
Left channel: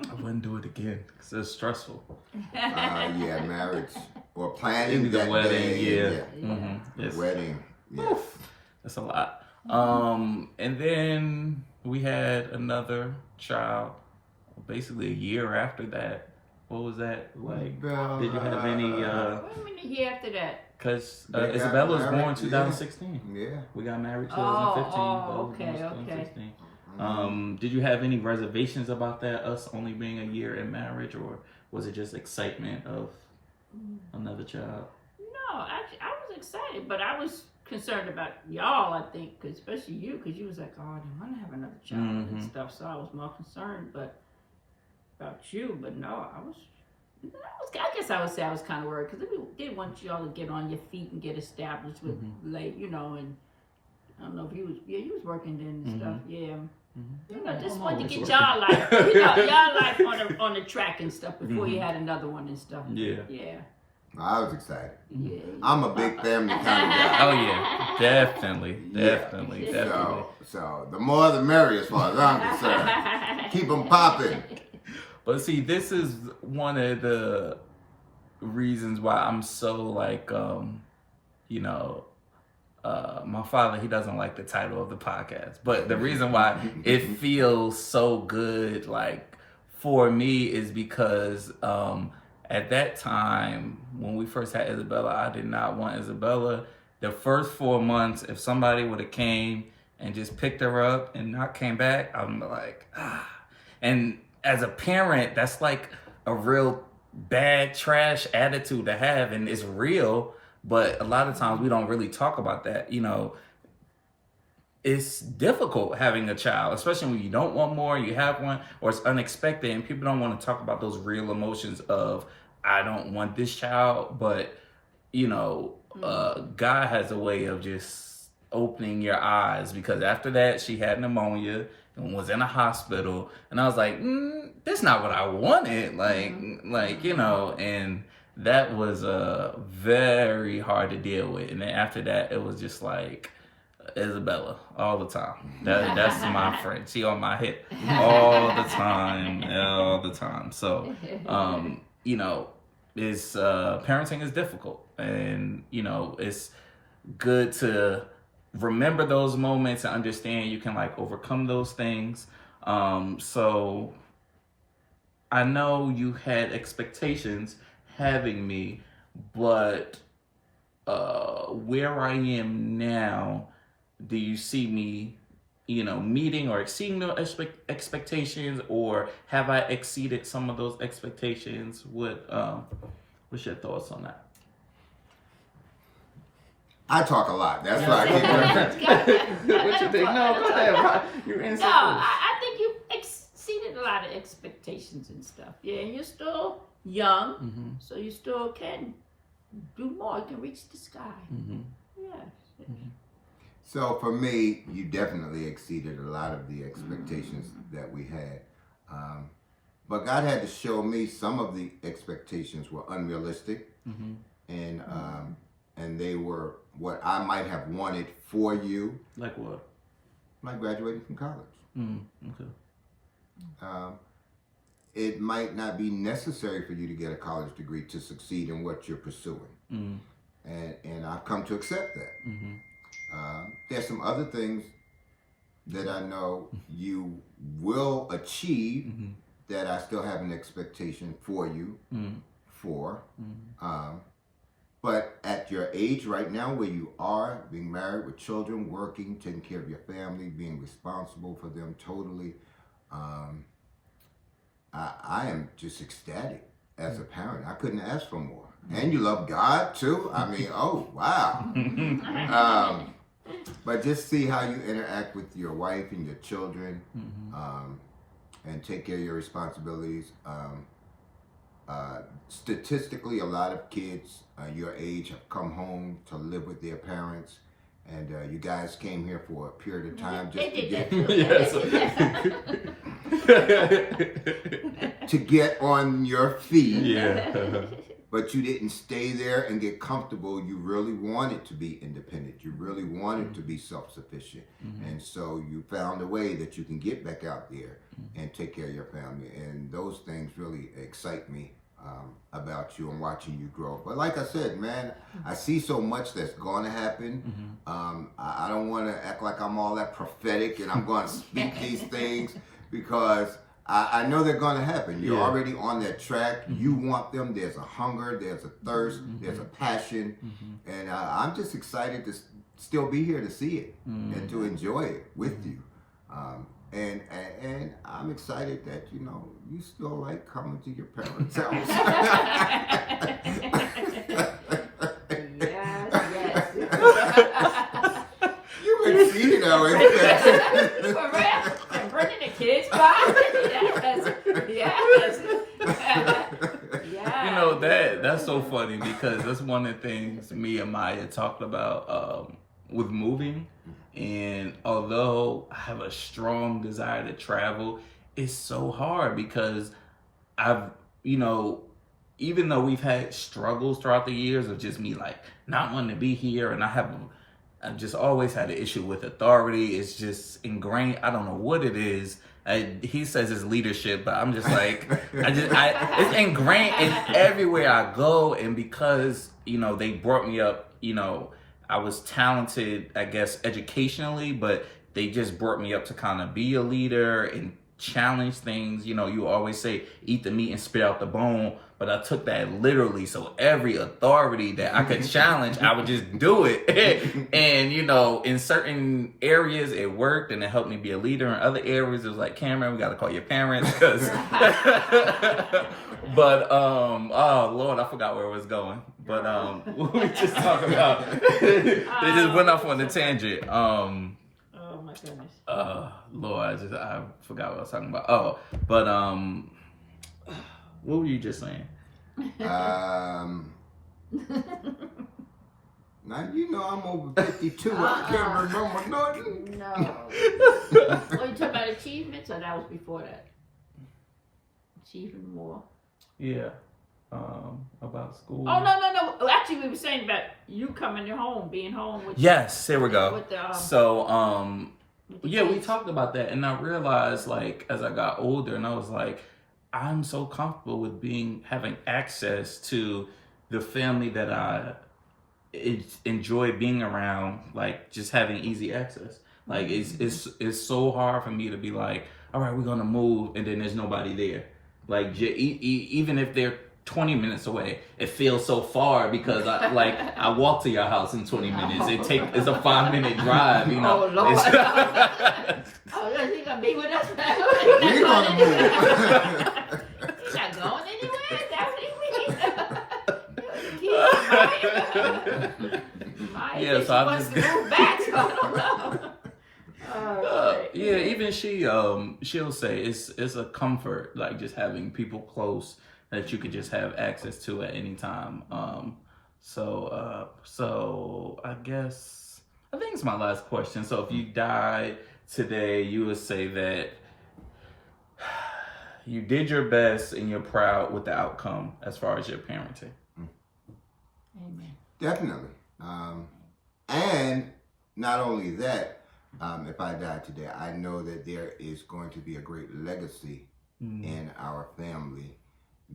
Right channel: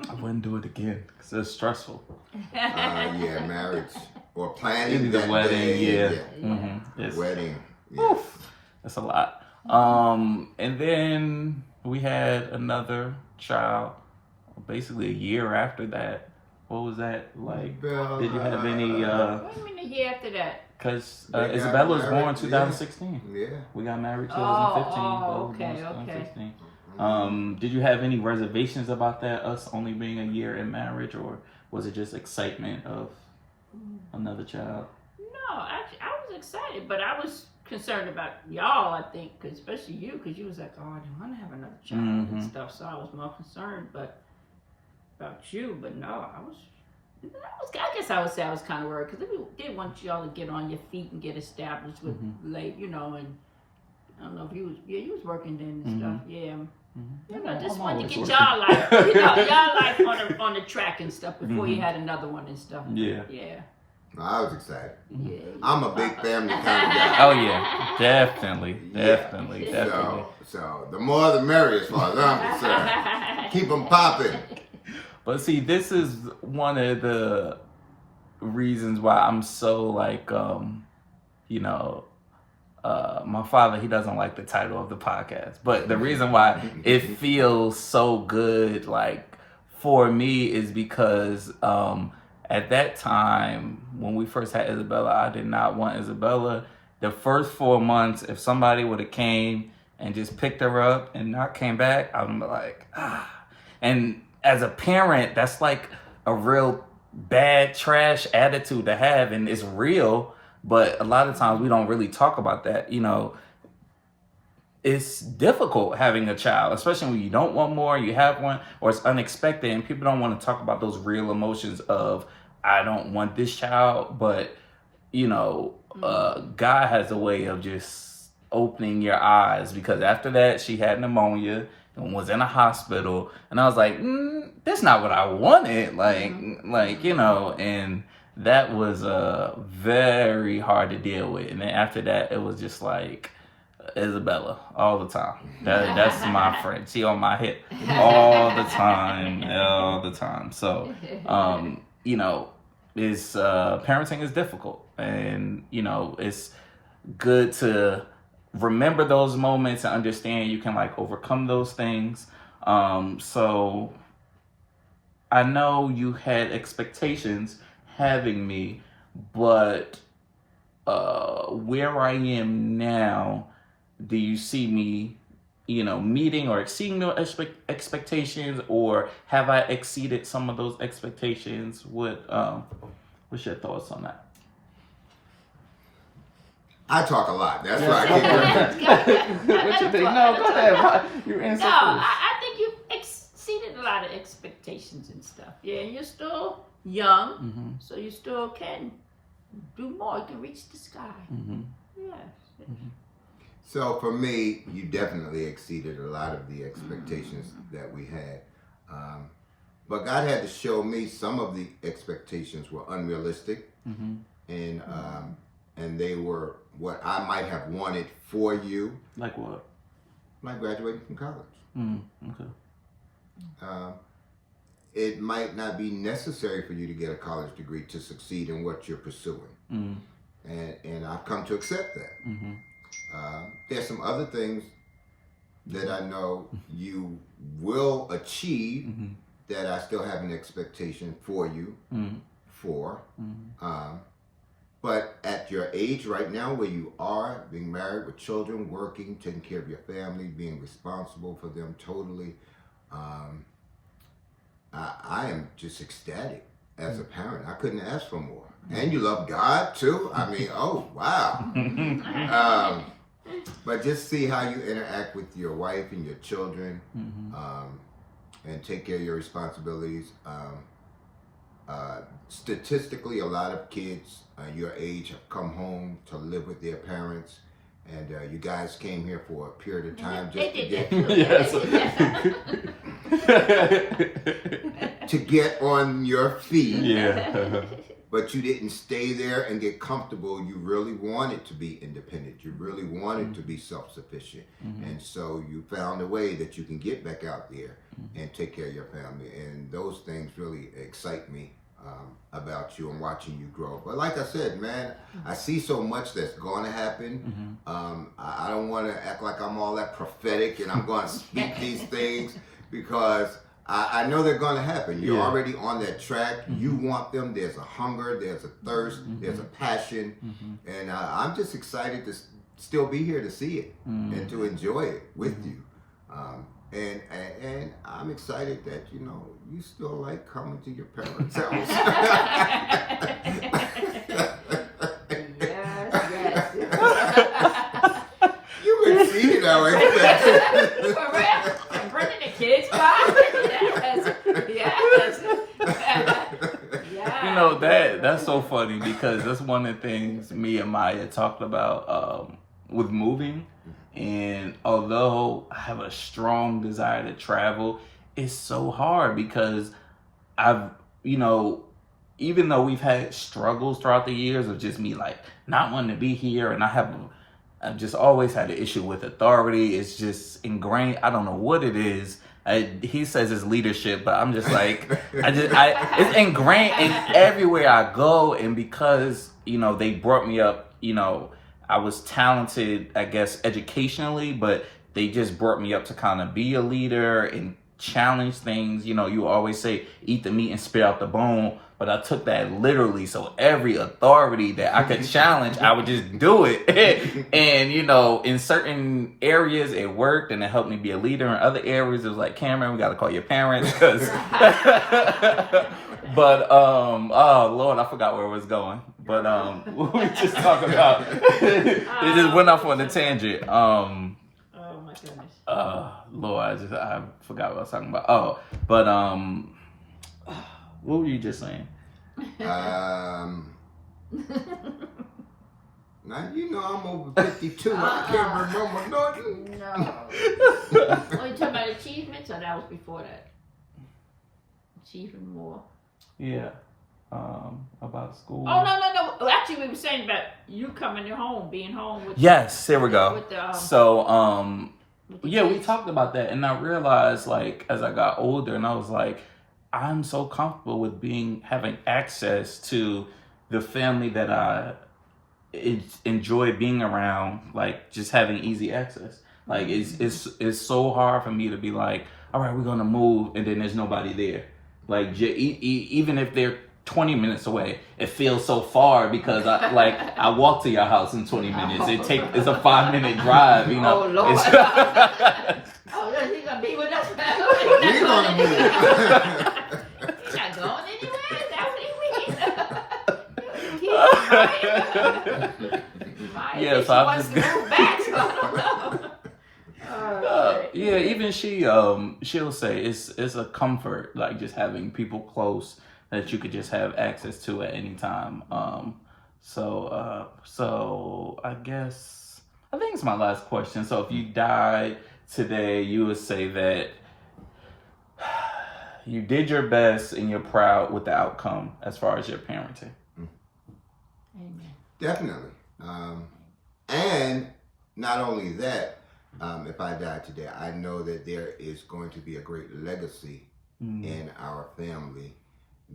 I wouldn't do it again because it's stressful. Yeah, marriage or planning Maybe the that wedding, day, yeah. Yeah. It's, Wedding. Yeah. oof. That's a lot. And then we had another child, basically a year after that. What was that like? Did you have any? What do you mean a year after that? Because They got Isabella was born married, 2016. Yeah. We got married 2015. Oh, Bella was born okay. 2016. Did you have any reservations about that? Us only being a year in marriage, or was it just excitement of another child? No, actually, I was excited, but I was concerned about y'all. I think, 'cause especially you, because you was like, "Oh, I don't want to have another child and stuff." So I was more concerned, but about you. But no, I guess I would say I was kind of worried because we did want y'all to get on your feet and get established with late, and I don't know if you was working then and stuff. Yeah. Just wanted to get y'all life, y'all life on the track and stuff before you had another one and stuff. Yeah. I was excited. Yeah. I'm a big family kind of guy. Oh yeah, definitely. So the more the merrier as far as I'm concerned. Keep them popping. But see, this is one of the reasons why I'm so like, my father, he doesn't like the title of the podcast. But the reason why it feels so good, like, for me is because at that time, when we first had Isabella, I did not want Isabella. The first 4 months, if somebody would have came and just picked her up and not came back, I would be like, And as a parent, that's like a real bad trash attitude to have, and it's real, but a lot of times we don't really talk about that. It's difficult having a child, especially when you don't want more, you have one, or it's unexpected, and people don't want to talk about those real emotions of, I don't want this child, but God has a way of just opening your eyes, because after that she had pneumonia and was in a hospital, and I was like, that's not what I wanted, and that was very hard to deal with. And then after that, it was just like Isabella all the time. That's my friend. She on my hip all the time. So it's parenting is difficult, and it's good to remember those moments and understand you can like overcome those things. So I know you had expectations having me, but where I am now, do you see me meeting or exceeding those expectations, or have I exceeded some of those expectations? What's your thoughts on that? I talk a lot. That's right. What you think? No, go ahead. You answer first. I think you exceeded a lot of expectations and stuff. Yeah, and you're still young, so you still can do more. You can reach the sky. Yeah. So for me, you definitely exceeded a lot of the expectations that we had. But God had to show me some of the expectations were unrealistic, and they were what I might have wanted for you. Like what? Like graduating from college. Okay. It might not be necessary for you to get a college degree to succeed in what you're pursuing. And I've come to accept that. There's some other things that I know you will achieve that I still have an expectation for you for. But at your age right now, where you are, being married with children, working, taking care of your family, being responsible for them totally, I am just ecstatic as a parent. I couldn't ask for more. And you love God too. I mean, oh, wow. But just see how you interact with your wife and your children, and take care of your responsibilities. Statistically, a lot of kids your age have come home to live with their parents, and you guys came here for a period of time just to get on your feet. Yeah. But you didn't stay there and get comfortable. You really wanted to be independent. You really wanted to be self-sufficient. And so you found a way that you can get back out there and take care of your family. And those things really excite me about you and watching you grow. But like I said, man, I see so much that's going to happen. I don't want to act like I'm all that prophetic and I'm going to speak these things because I know they're going to happen. You're already on that track. You want them. There's a hunger. There's a thirst. There's a passion. And I'm just excited to still be here to see it and to enjoy it with you. And I'm excited that, you know, you still like coming to your parents' house. Yes. You exceeded our expectations. I'm bringing the kids back. Yes. You know, that's so funny because that's one of the things me and Maya talked about with moving. And although I have a strong desire to travel, it's so hard because I've, you know, even though we've had struggles throughout the years of just me like not wanting to be here, and I've just always had an issue with authority. It's just ingrained. I don't know what it is. He says it's leadership, but I'm just like, it's ingrained in everywhere I go. And because, you know, they brought me up, you know, I was talented, I guess, educationally, but they just brought me up to kind of be a leader and challenge things. You know, you always say, eat the meat and spit out the bone. But I took that literally. So every authority that I could challenge, I would just do it. And, you know, in certain areas it worked and it helped me be a leader. In other areas it was like, Cameron, we got to call your parents. But, oh, Lord, I forgot where it was going. But we just talked about, it just went off on a tangent. Oh, my goodness. Lord, I forgot what I was talking about. Oh, but, what were you just saying? Now, you know, I'm over 52. I can't remember nothing. No. Were you talking about achievements or that was before that? Achieving more. Yeah. About school. Oh, no. Well, actually, we were saying about you coming home, being home with Yes, there we go. With the, so, with the yeah, we kids. talked about that, and I realized, like, as I got older, and I was like, I'm so comfortable with having access to the family that I enjoy being around, like just having easy access. Like it's so hard for me to be like, all right, we're gonna move, and then there's nobody there. Like even if they're 20 minutes away, it feels so far because I walk to your house in 20 minutes. It's a 5-minute drive, you know. Oh, Lord. Oh, he's gonna be with us. We're gonna move. Not going anywhere. That's what he means. Yeah, so I've wants to move back, so I don't know. Yeah, even she'll say it's a comfort, like just having people close that you could just have access to at any time. So I think it's my last question. So if you died today, you would say that you did your best and you're proud with the outcome as far as your parenting. Amen. Definitely. And not only that, if I die today, I know that there is going to be a great legacy in our family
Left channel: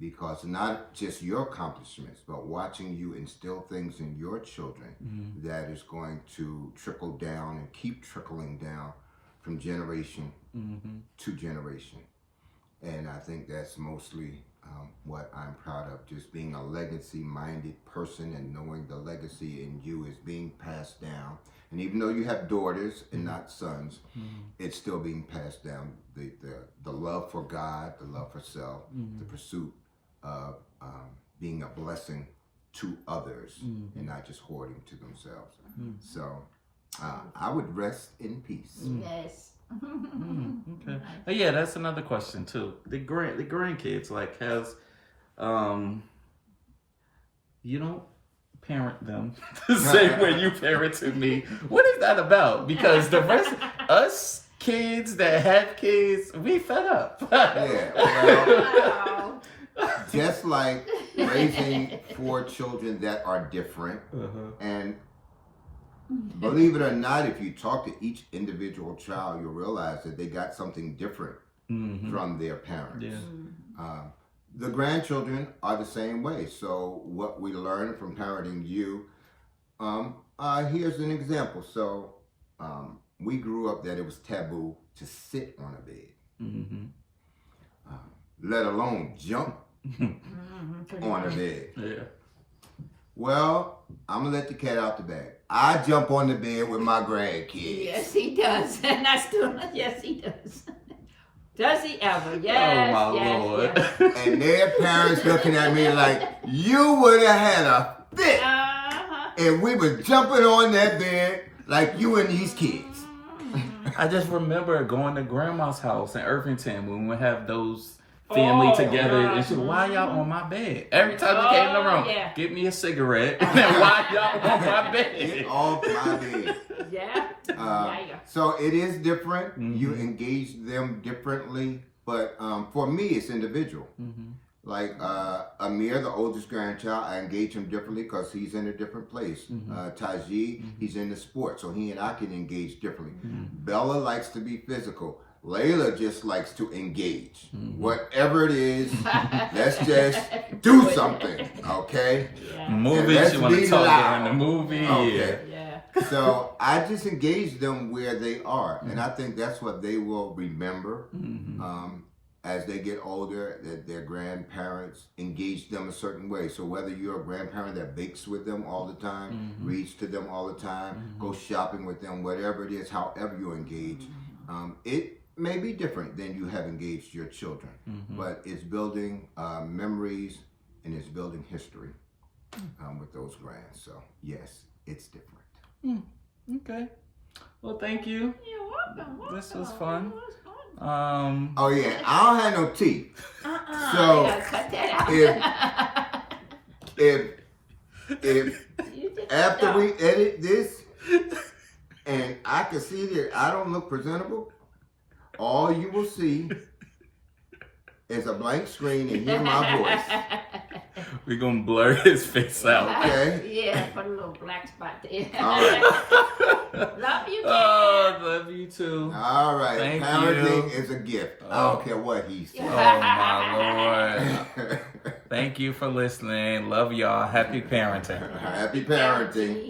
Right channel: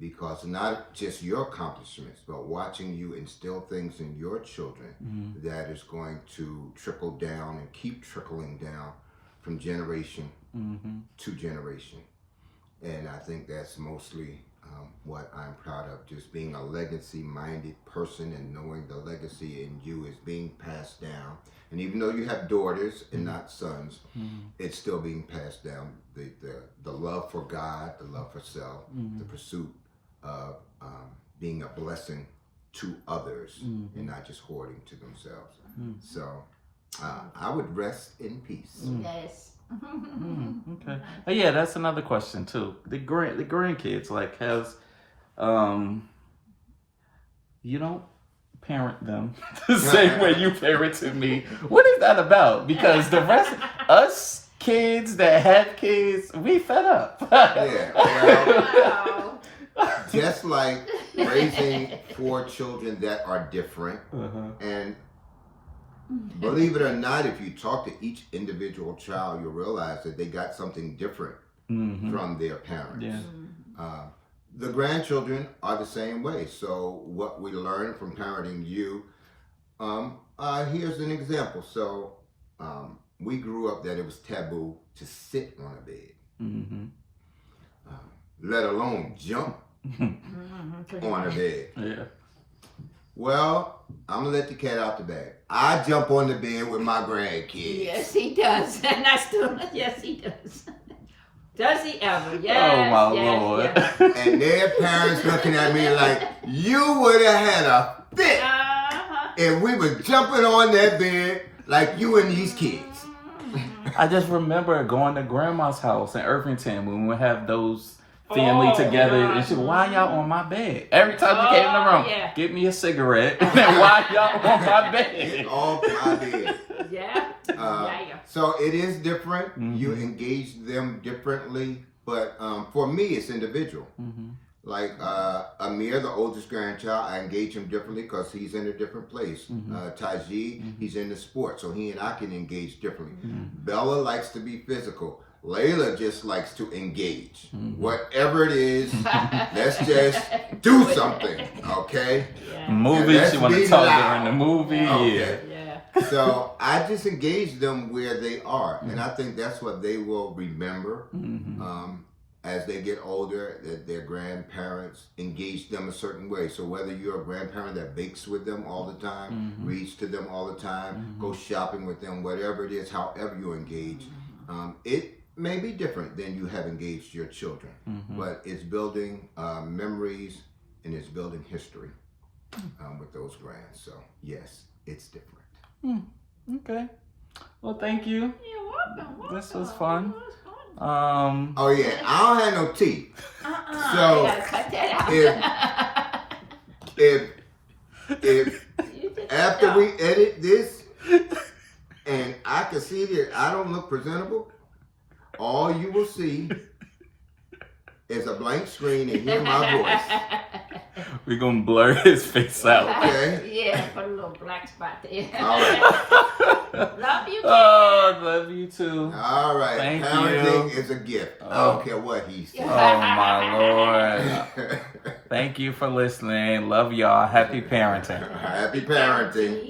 because not just your accomplishments, but watching you instill things in your children that is going to trickle down and keep trickling down from generation to generation. And I think that's mostly what I'm proud of, just being a legacy-minded person and knowing the legacy in you is being passed down. And even though you have daughters and not sons, it's still being passed down. The love for God, the love for self, the pursuit of being a blessing to others and not just hoarding to themselves. So I would rest in peace. Yes. Okay. Yeah, that's another question too. The grandkids, like, has you don't parent them the same way you parented me. What is that about? Because the rest us kids that have kids, we fed up. Yeah. Well, Wow. just like raising 4 children that are different and believe it or not, if you talk to each individual child, you'll realize that they got something different from their parents. Yeah. the grandchildren are the same way. So what we learn from parenting you, here's an example. So we grew up that it was taboo to sit on a bed, let alone jump on a bed. Yeah. Well, I'm gonna let the cat out the bag. I jump on the bed with my grandkids. Yes, he does. And I still, yes, he does. Does he ever? Yes. Oh my yes, Lord. yes. And their parents looking at me like, you would have had a fit if we was jumping on that bed like you and these kids. I just remember going to grandma's house in Irvington when we would have those family together, and she, why y'all on my bed? Every time we came in the room, get me a cigarette, and then why y'all on my bed? Off my bed. Yeah. So it is different. You engage them differently, but for me, it's individual. Like Amir, the oldest grandchild, I engage him differently because he's in a different place. Taji, he's in the sport, so he and I can engage differently. Bella likes to be physical. Layla just likes to engage. Whatever it is, let's just do something, okay? Movie, she want to talk during the movie, okay. So I just engage them where they are, and I think that's what they will remember as they get older, that their grandparents engage them a certain way. So whether you're a grandparent that bakes with them all the time, reads to them all the time, goes shopping with them, whatever it is, however you engage, it may be different than you have engaged your children, but it's building memories and it's building history with those grands. So yes, it's different. Okay. Well, thank you. You're welcome. This was fun. Oh yeah, I don't have no teeth. So you gotta cut that out. if after we edit this and I can see that I don't look presentable, all you will see is a blank screen and hear my voice. We're going to blur his face out. Okay? Yeah, put a little black spot there. All right. Love you, Oh, love you too. All right. Thank Parenting you. is a gift. I Oh. don't care what he says. Oh, my Lord. Thank you for listening. Love y'all. Happy parenting. Happy parenting.